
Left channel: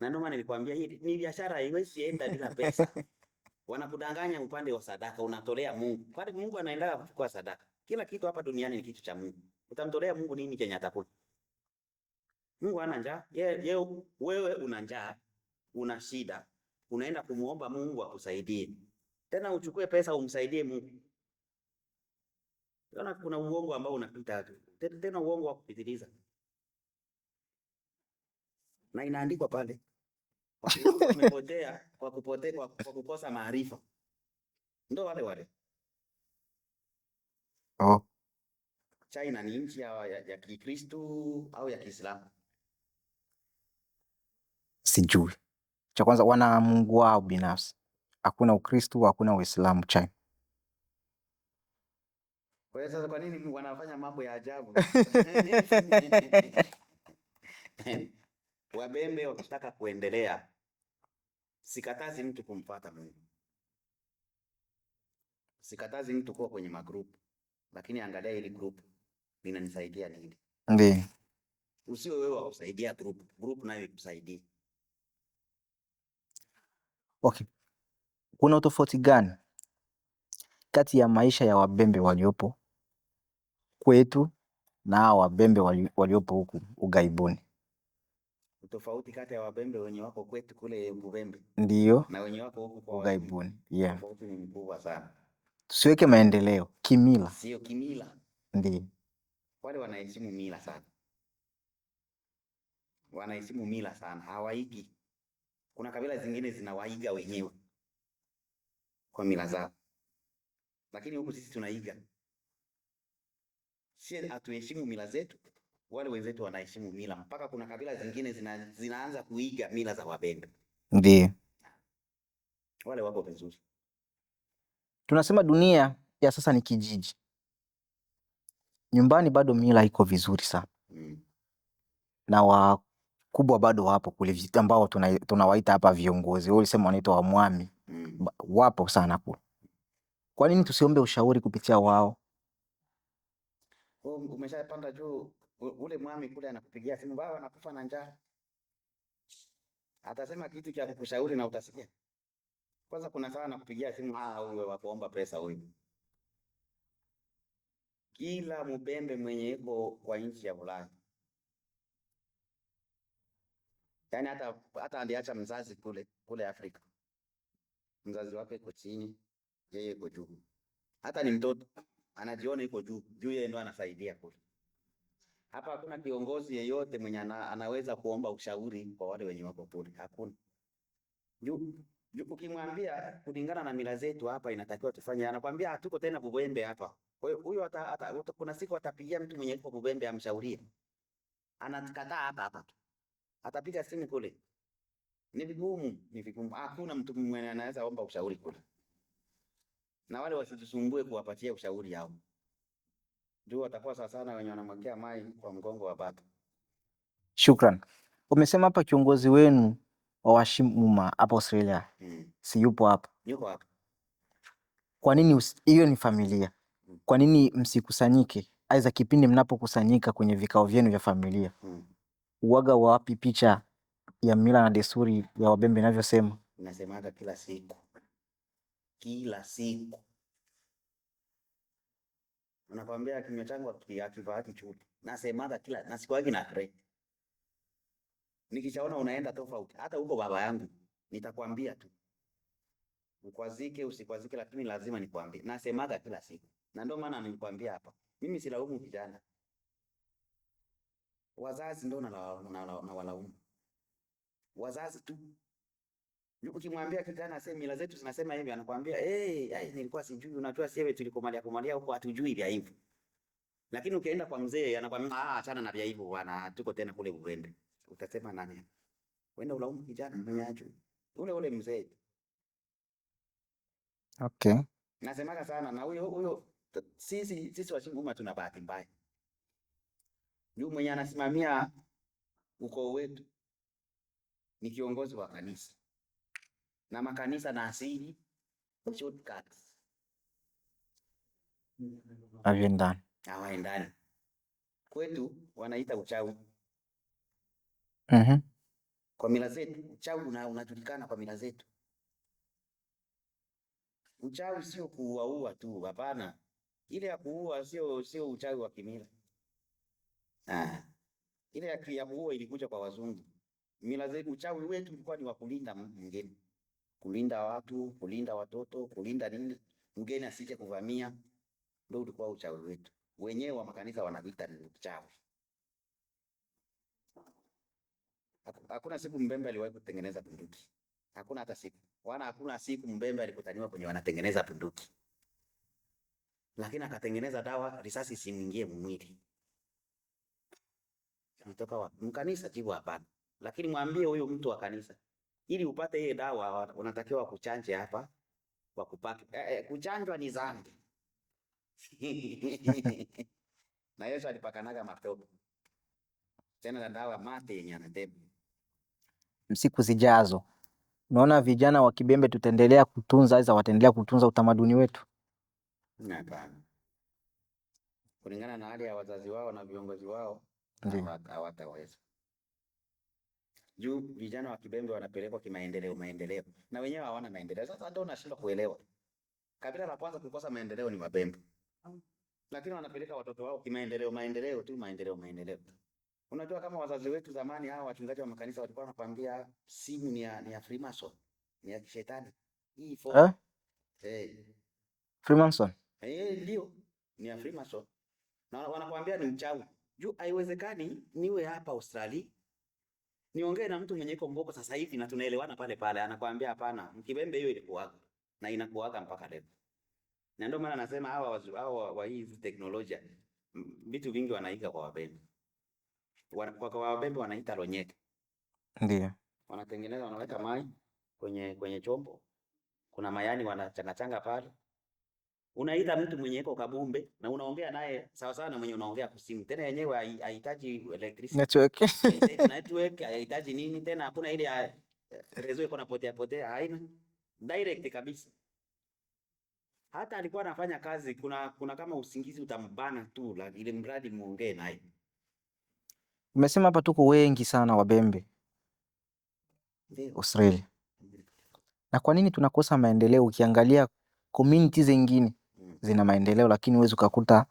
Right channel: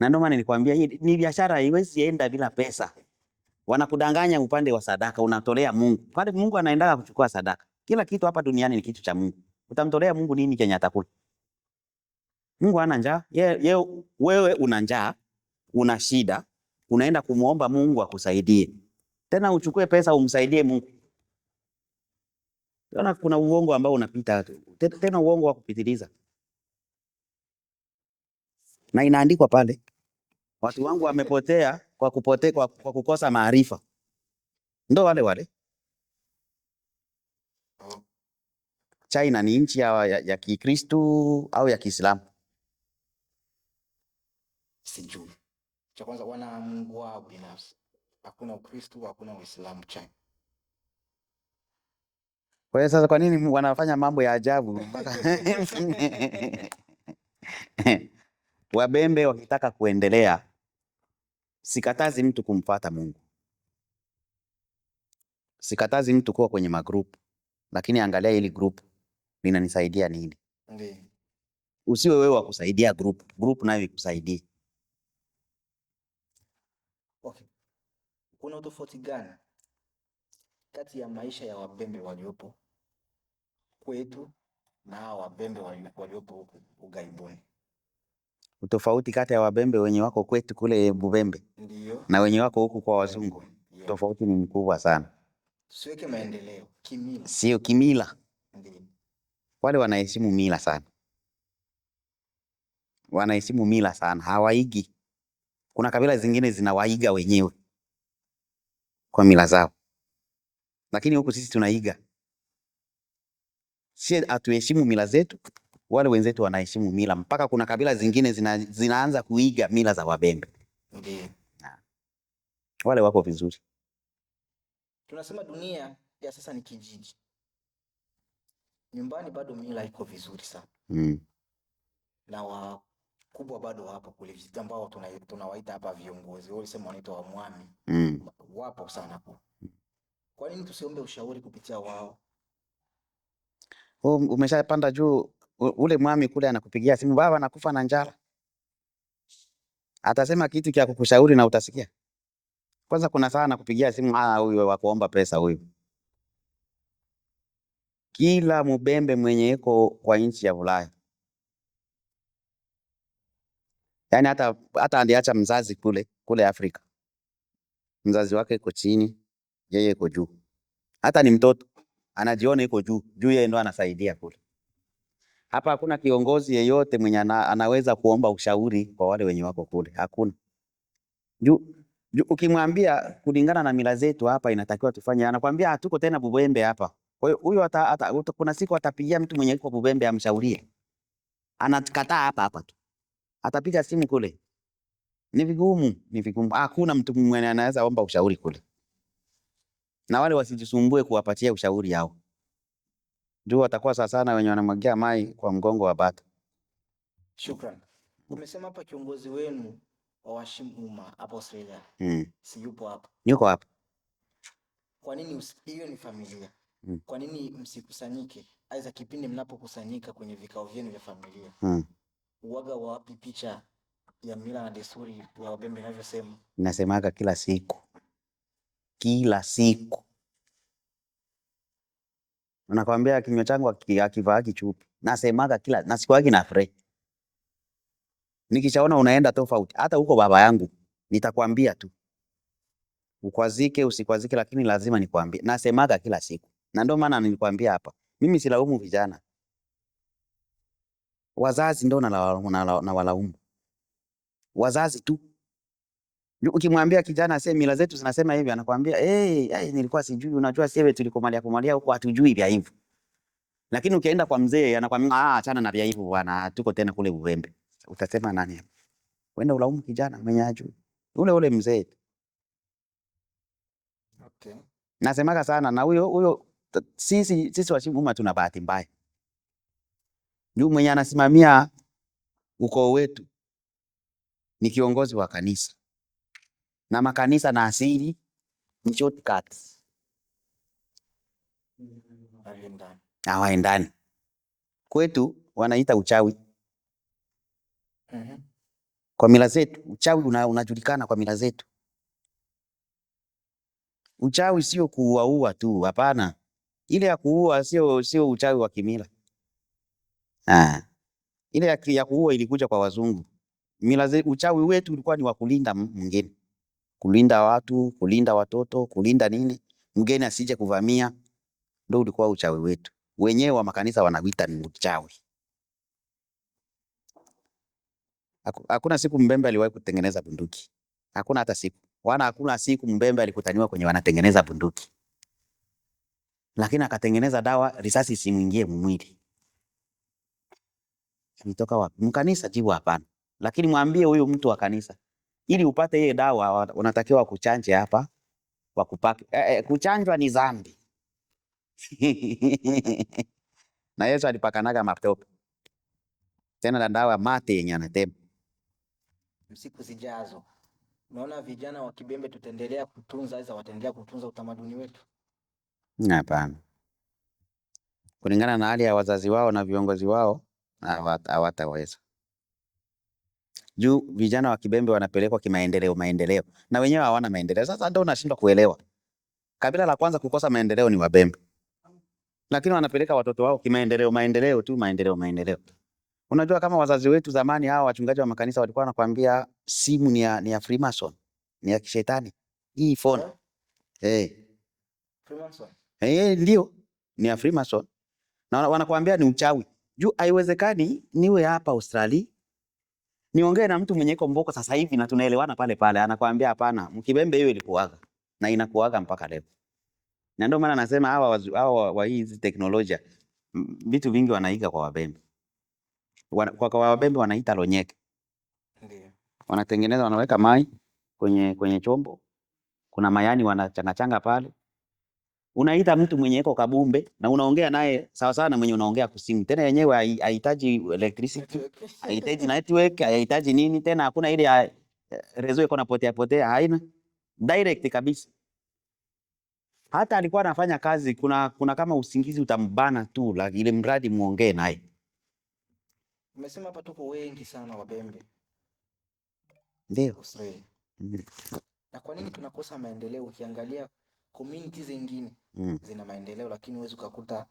Na ndio maana nilikwambia hii ni biashara, haiwezi enda bila pesa. Wanakudanganya upande wa sadaka, unatolea Mungu. Pale Mungu anaendaga kuchukua sadaka. Kila kitu hapa duniani ni kitu cha Mungu. Utamtolea Mungu nini chenye atakula? Mungu hana njaa. Wewe una njaa, una shida, unaenda kumuomba Mungu akusaidie. Tena uchukue pesa umsaidie Mungu. Tena kuna uongo ambao unapita, tena uongo wa kupitiliza. Na inaandikwa pale. Watu wangu wamepotea kwa kukosa maarifa. Ndio wale. Oh. China ni nchi ya Kikristo au ya Kiislamu? Sijui. Cha kwanza wana Mungu wao binafsi. Hakuna Ukristo, hakuna Uislamu China. Kwa hiyo sasa kwa nini wanafanya mambo ya ajabu? Wabembe wakitaka kuendelea, sikatazi mtu kumfuata Mungu. Sikatazi mtu kuwa kwenye magroup, lakini angalia hili group linanisaidia nini? Ndiyo. Usiwe wewe wa kusaidia group nayo ikusaidie. Okay. Kuna utofauti gani kati ya maisha ya Wabembe waliopo kwetu na Wabembe waliopo huku ughaibuni? Utofauti kati ya Wabembe wenye wako kwetu kule Bubembe ndio na wenye wako huku kwa Wazungu. Yeah. Tofauti ni mkubwa sana. Tusiweke maendeleo kimila. Sio kimila. Ndiyo. Wale wanaheshimu mila sana. Wanaheshimu mila sana, hawaigi. Kuna kabila zingine zinawaiga wenyewe kwa mila zao. Lakini huku sisi tunaiga. Sisi hatuheshimu mila zetu, wale wenzetu wanaheshimu mila. Mpaka kuna kabila zingine zinaanza kuiga mila za Wabembe. Ndiyo. Wale wako vizuri. Tunasema dunia ya sasa ni kijiji. Nyumbani bado mila iko vizuri sana. Na wakubwa bado wapo kule ambao tunawaita hapa viongozi. Wao ulisema wanaitwa wamwami. Wapo sana kule. Kwa nini tusiombe ushauri kupitia wao? Umeshapanda juu, ule mwami kule anakupigia simu, baba nakufa na njaa. Atasema kitu cha kukushauri na utasikia. Kwanza kuna saa anakupigia simu, huyu wa kuomba pesa huyu. Kila Mbembe mwenye yuko kwa nchi ya Ulaya, yaani hata aliacha mzazi kule Afrika, mzazi wake yuko chini, yeye yuko juu. Hata ni mtoto anajiona yuko juu, yeye ndo anasaidia kule. Hapa hakuna kiongozi yeyote mwenye anaweza kuomba ushauri kwa wale wenye wako kule, hakuna. Ukimwambia kulingana na mila zetu hapa inatakiwa tufanye, anakuambia hatuko tena Bubembe hapa. Kwa hiyo huyo kuna siku atapigia mtu mwenye yuko Bubembe amshaurie. Anakataa hapa tu. Atapiga simu kule. Ni vigumu. Hakuna mtu mwenye anaweza omba ushauri kule. Na wale wasijisumbue kuwapatia ushauri hao. Watakuwa sana wenye wanamwagia mai kwa mgongo wa bata. Shukran. Umesema hapa kiongozi wenu wa Washimuma hapa Australia. Si yupo hapa? Yuko hapa. Kwa nini hiyo ni familia? Kwa nini msikusanyike? Aiza kipindi mnapokusanyika kwenye vikao vyenu vya familia. Uwaga wapi picha ya mila na desturi ya Wabembe inavyosema? Nasemaga kila siku. Kila siku. Nakwambia kinywa changu akivaa kichupi. Nasemaga na siku yake na fre. Nikishaona unaenda tofauti, hata huko baba yangu nitakwambia tu. Ukwazike usikwazike, lakini lazima nikwambie. Nasemaga kila siku. Na ndio maana nilikwambia hapa. Mimi silaumu vijana. wazazi ndo na walaumu wazazi tu. Ukimwambia kijana aseme mila zetu zinasema hivi, anakuambia nilikuwa sijui. Unajua sisi tulikomalia huko hatujui vya hivyo. Lakini ukienda kwa mzee anakuambia achana na vya hivyo bwana, tuko tena kule Uwembe. Utasema nani hapo? Wenda ulaumu kijana mwenye ajui. Ule mzee. Okay. Nasemaga sana na huyo sisi Washimuma tuna bahati mbaya. Ndio mwenye anasimamia ukoo wetu ni kiongozi wa kanisa. Na makanisa na asili ni shortcuts. Hawaendani. Kwetu wanaita uchawi. Kwa mila zetu uchawi unajulikana kwa mila zetu. Uchawi sio kuua tu, hapana. Ile ya kuua sio uchawi wa kimila. Ile ya kuua ilikuja kwa wazungu. Uchawi wetu ulikuwa ni wa kulinda mgeni. Kulinda watu, kulinda watoto, kulinda nini? Mgeni asije kuvamia. Ndio ulikuwa uchawi wetu. Wenyewe wa makanisa wanawita ni uchawi. Hakuna siku Mbembe aliwahi kutengeneza bunduki. Hakuna hata siku. Hakuna siku Mbembe alikutaniwa kwenye wanatengeneza bunduki. Lakini akatengeneza dawa risasi isimuingie mwili. Mtoka wapi? Mkanisa jibu hapana. Lakini mwambie huyo mtu wa kanisa, ili upate ile dawa unatakiwa kuchanje hapa, wakupake. Kuchanjwa ni dhambi. Na Yesu alipakanaga matope. Tena na dawa mate yenye anatema. Siku zijazo unaona vijana wa Kibembe tutaendelea kutunza wataendelea kutunza utamaduni wetu? Hapana. Kulingana na hali ya wazazi wao na viongozi wao hawataweza. Juu vijana wa Kibembe wanapelekwa kimaendeleo. Na wenyewe hawana maendeleo. Sasa ndio unashindwa kuelewa. Kabila la kwanza kukosa maendeleo ni Wabembe. Lakini wanapeleka watoto wao kimaendeleo tu, maendeleo. Unajua kama wazazi wetu zamani hao wachungaji wa makanisa walikuwa wanakuambia simu ni ya Freemason, ni ya kishetani. Hii phone. Freemason. Ndio, ni ya Freemason. Na wanakuambia ni uchawi. Juu haiwezekani niwe hapa Australia niongee na mtu mwenye komboko sasa hivi na tunaelewana pale. Anakuambia hapana, Mkibembe hiyo ilikuaga na inakuaga mpaka leo. Na ndio maana nasema hawa wa hizi teknolojia vitu vingi wanaiga kwa Wabembe. Kwa Wabembe wanaita lonyeke. Ndio. Wanatengeneza, wanaweka mai kwenye chombo. Kuna mayani wanachangachanga pale. Unaita mtu mwenye iko Kabumbe na unaongea naye sawa sawa na mwenye unaongea kusimu. Tena yenyewe haihitaji electricity. Network, haihitaji nini tena, hakuna ile rezo iko na potea, haina. Direct kabisa. Hata alikuwa anafanya kazi, kuna kama usingizi utambana tu, ile mradi muongee naye. Umesema hapa tuko wengi sana Wabembe. Ndio Australia. Na kwa nini tunakosa maendeleo? Ukiangalia community zingine zina maendeleo, lakini huwezi ukakuta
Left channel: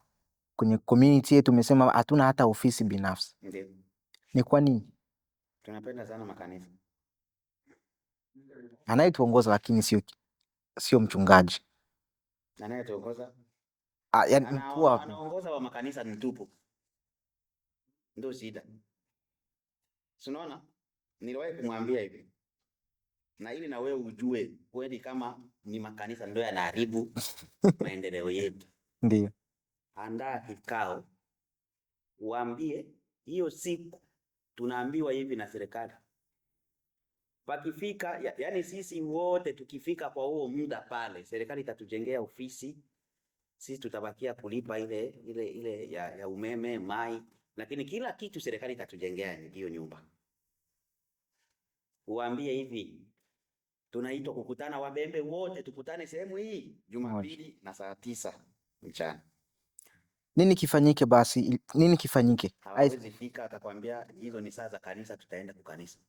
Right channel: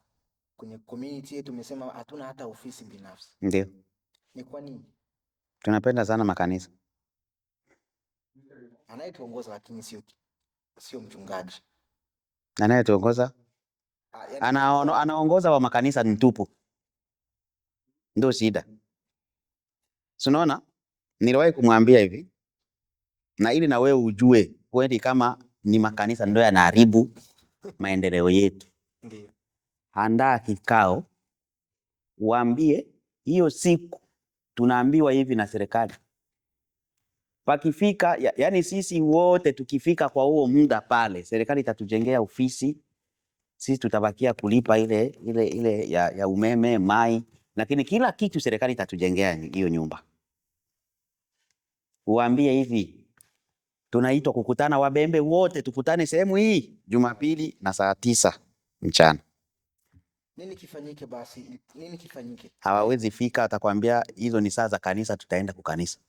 kwenye community yetu tumesema hatuna hata ofisi binafsi. Ndio. Ni kwa nini? Tunapenda sana makanisa. Anayetuongoza lakini sio mchungaji. Anayetuongoza anaongoza wa makanisa ni tupu. Ndio shida. Unaona? Niliwahi kumwambia hivi, na ili na wewe ujue kweli kama ni makanisa ndio yanaharibu maendeleo yetu. Ndio. Andaa kikao, waambie hiyo siku tunaambiwa hivi na serikali. Pakifika, yani sisi wote tukifika kwa huo muda pale, serikali itatujengea ofisi. Sisi tutabakia kulipa ile ya umeme, mai, lakini kila kitu serikali itatujengea hiyo nyumba. Uambie hivi, tunaitwa kukutana Wabembe wote, tukutane sehemu hii Jumapili na saa 9 mchana. Nini kifanyike basi? Nini kifanyike? Hawawezi fika, atakwambia hizo ni saa za kanisa, tutaenda kukanisa.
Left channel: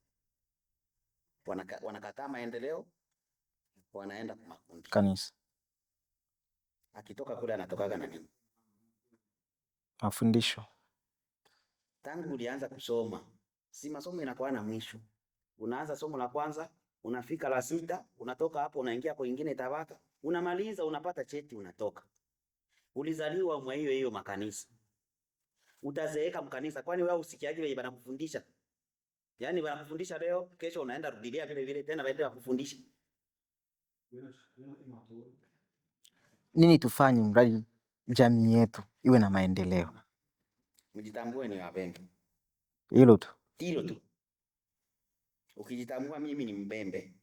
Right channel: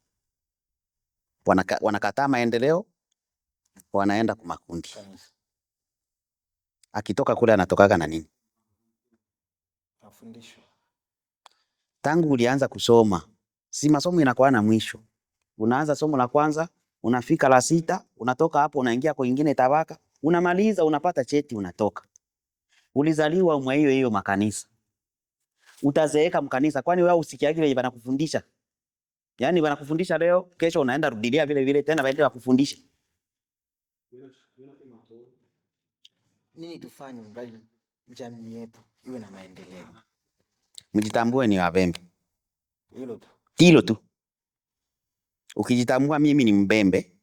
Wanakataa maendeleo, wanaenda kwa makundi kanisa. Akitoka kule anatokaga na nini? Mafundisho. Tangu ulianza kusoma, si masomo inakuwa na mwisho. Unaanza somo la kwanza, unafika la 6, unatoka hapo unaingia kwa nyingine tabaka, unamaliza unapata cheti unatoka. Ulizaliwa mwa hiyo makanisa. utazeeka mkanisa. Kwani wewe usikiaje wenye wanakufundisha? Yaani wanakufundisha leo, kesho unaenda rudilia vile vile tena waende wakufundisha. Nini tufanye mradi jamii yetu iwe na maendeleo? Mjitambue ni Wabembe. Hilo tu. Hilo tu. Ukijitambua mimi ni Mbembe.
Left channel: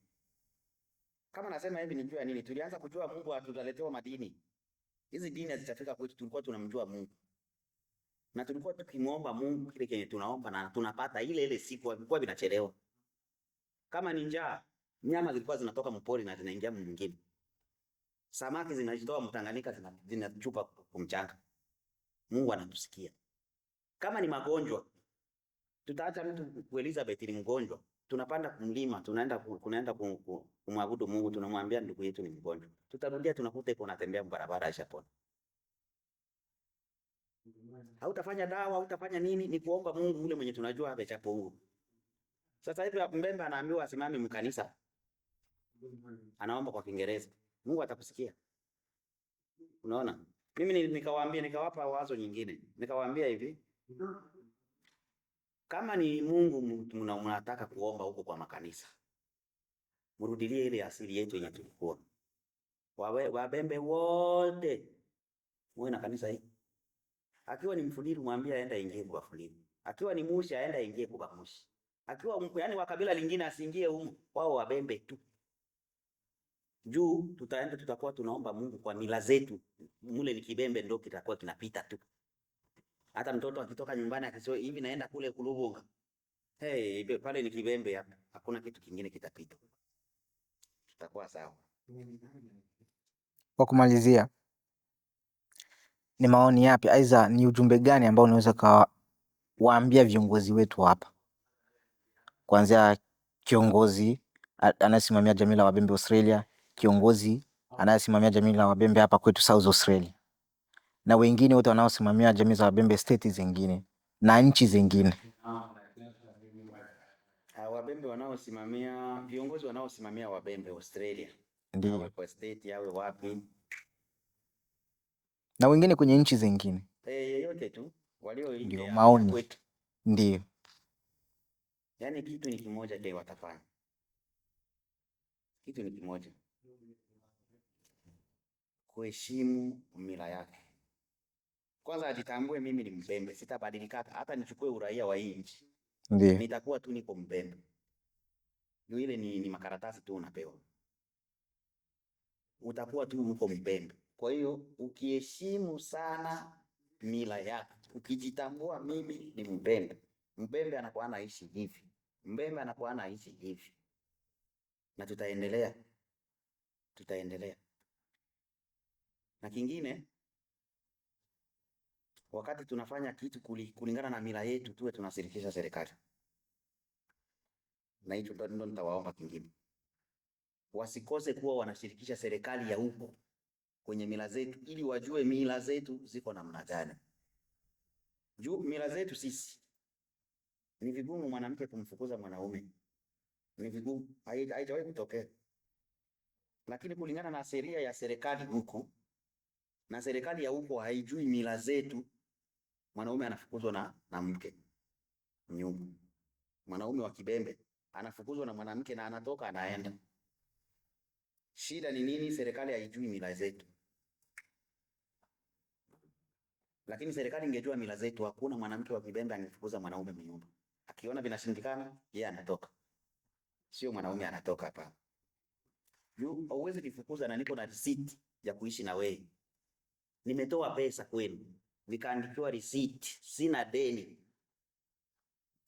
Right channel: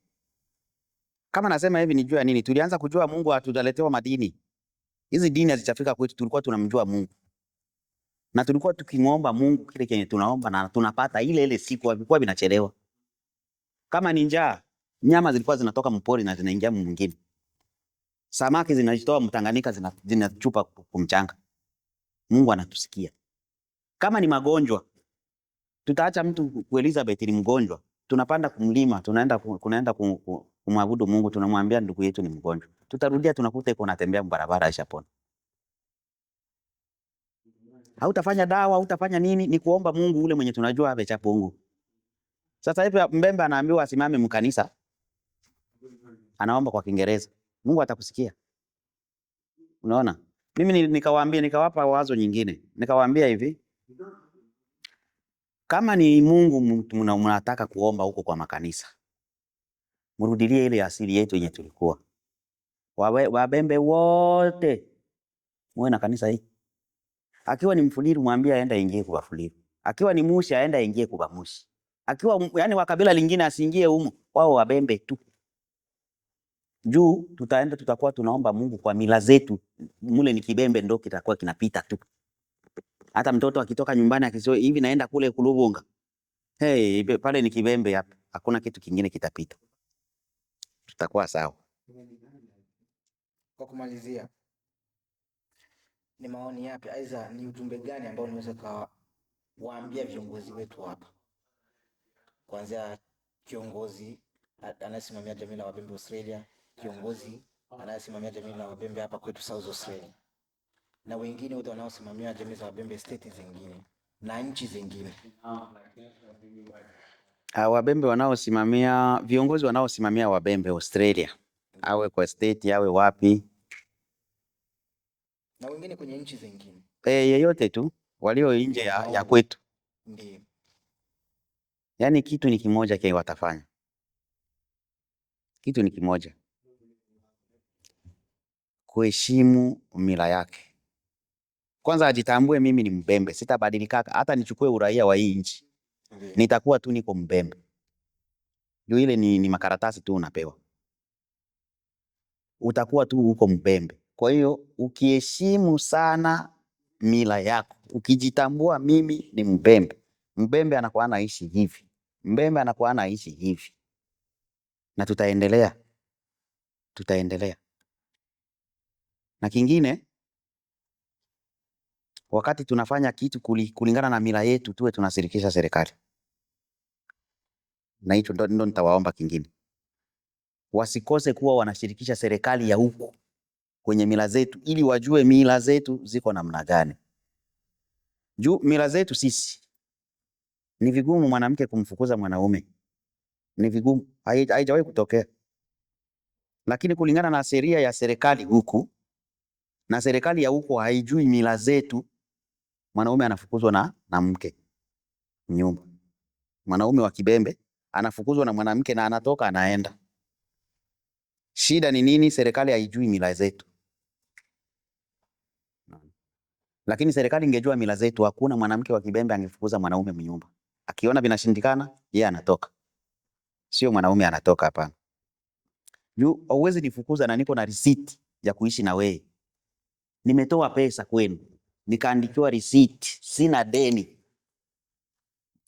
Kama nasema hivi nijua nini? Tulianza kujua Mungu hatujaletewa madini. Hizi dini hazijafika kwetu, tulikuwa tunamjua Mungu. Na tulikuwa tukimuomba Mungu kile kenye tunaomba na tunapata ile siku, ilikuwa binachelewa. Kama ni njaa, nyama zilikuwa zinatoka mpori na zinaingia mwingine. Samaki zinajitoa Mtanganyika zinachupa kumchanga. Mungu anatusikia. Kama ni magonjwa, tutaacha mtu ku Elizabeth ni mgonjwa. Tunapanda kumlima, tunaenda kumwabudu Mungu, tunamwambia ndugu yetu ni mgonjwa. Tutarudia tunakuta yuko anatembea barabara ishapona. Hautafanya dawa, hautafanya nini, ni kuomba Mungu ule mwenye tunajua abe cha Mungu. Sasa hivi Mbembe anaambiwa asimame mkanisa. Anaomba kwa Kiingereza. Mungu atakusikia. Unaona? Mimi nikawapa wazo nyingine. Nikawaambia hivi, kama ni Mungu mnataka kuomba huko kwa makanisa, mrudilie ile asili yetu yenye tulikuwa. Wabembe wote muwe na kanisa hii. Akiwa ni Mfuliru mwambie aende ingie kwa Fuliru. Akiwa ni Mushi aende ingie kwa Mushi. Akiwa yani wa kabila lingine asiingie humo. Wao Wabembe tu. Juu tutakuwa tunaomba Mungu kwa mila zetu. Mule ni Kibembe ndo kitakuwa kinapita tu. Hata mtoto akitoka nyumbani akisema hivi naenda kule Kulubunga. Hey, pale ni Kibembe hapa. Hakuna kitu kingine kitapita. Tutakuwa sawa. Kwa kumalizia, ni maoni yapi aidha ni ujumbe gani ambao unaweza kuwaambia viongozi wetu hapa? Kuanzia kiongozi anayesimamia jamii la Wabembe Australia, kiongozi anayesimamia jamii la Wabembe hapa kwetu South Australia, na wengine wote wanaosimamia jamii za Wabembe state zingine na nchi zingine. Wabembe wanaosimamia, viongozi wanaosimamia Wabembe Australia, awe kwa state awe wapi, na wengine kwenye nchi zingine, yeyote tu walio nje ya kwetu. Ndio. Yaani kitu ni kimoja kile watafanya. Kitu ni kimoja. Kuheshimu mila yake. Kwanza ajitambue mimi ni Mbembe, sitabadilika hata nichukue uraia wa hii nchi. Ndiyo. Nitakuwa tu niko Mbembe. Ndio ile ni makaratasi tu unapewa. Utakuwa tu uko Mbembe. Kwa hiyo ukiheshimu sana mila yako, ukijitambua mimi ni Mbembe. Mbembe anakuwa anaishi hivi. Mbembe anakuwa anaishi hivi. Na tutaendelea. Na kingine, wakati tunafanya kitu kulingana na mila yetu tuwe tunashirikisha serikali. Na hicho ndo nitawaomba kingine. Wasikose kuwa wanashirikisha serikali ya huku kwenye mila zetu ili wajue mila zetu ziko namna gani. Juu mila zetu sisi ni vigumu mwanamke kumfukuza mwanaume. Ni vigumu, haijawahi kutokea. Lakini kulingana na sheria ya serikali huku na serikali ya huko haijui mila zetu, mwanaume anafukuzwa na mke nyumba. Mwanaume wa Kibembe anafukuzwa na mwanamke na anatoka anaenda. Shida ni nini? Serikali haijui mila zetu. Lakini serikali ingejua mila zetu, hakuna mwanamke wa Kibembe angefukuza mwanaume mnyumba. Akiona vinashindikana, yeye anatoka. Sio mwanaume anatoka hapa. Juu hauwezi nifukuza na niko na receipt ya kuishi na wewe. Nimetoa pesa kwenu, nikaandikiwa receipt, sina deni.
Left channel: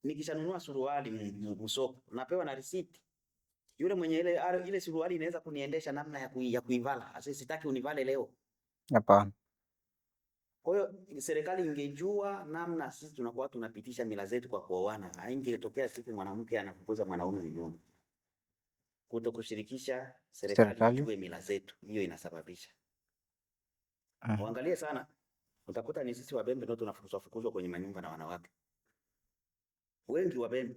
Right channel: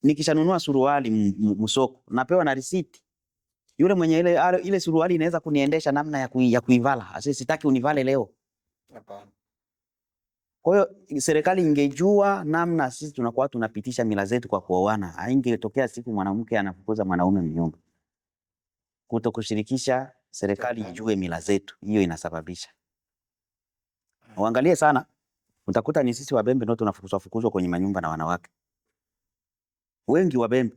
Nikishanunua suruali msoko, napewa na receipt. Yule mwenye ile suruali inaweza kuniendesha namna ya kuivala. Asi sitaki univale leo. Hapana. Kwa hiyo serikali ingejua namna sisi tunakuwa tunapitisha mila zetu kwa kuoana, haingetokea siku mwanamke anafukuza mwanaume mnyumba. Kutokushirikisha serikali ijue mila zetu, hiyo inasababisha. Uangalie sana, utakuta ni sisi Wabembe ndio tunafukuzwa kwenye manyumba na wanawake. Wengi Wabembe.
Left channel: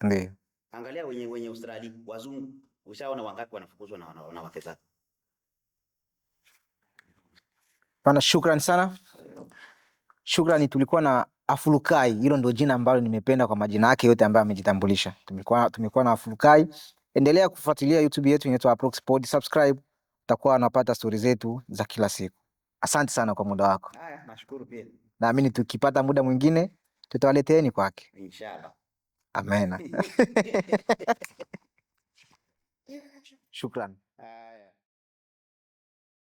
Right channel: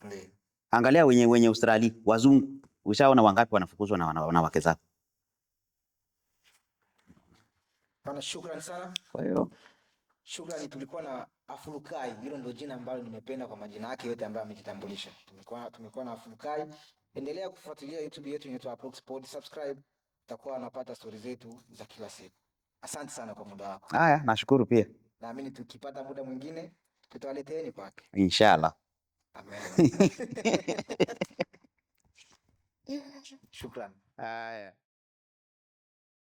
Ndiyo. Angalia wenye Australia, wazungu, ushaona wangapi wanafukuzwa na wanawake zao. Pana, shukrani sana. Kwa hiyo shukrani, tulikuwa na Afulukai, hilo ndio jina ambalo nimependa kwa majina yake yote ambayo amejitambulisha. Tumekuwa na Afulukai. Endelea kufuatilia YouTube yetu inaitwa Aproxpod, subscribe, utakuwa unapata stori zetu za kila siku. Asante sana kwa muda wako. Haya, nashukuru pia. Naamini tukipata muda mwingine tutawaleteeni kwake. Inshallah. Amen. Shukran. Haya.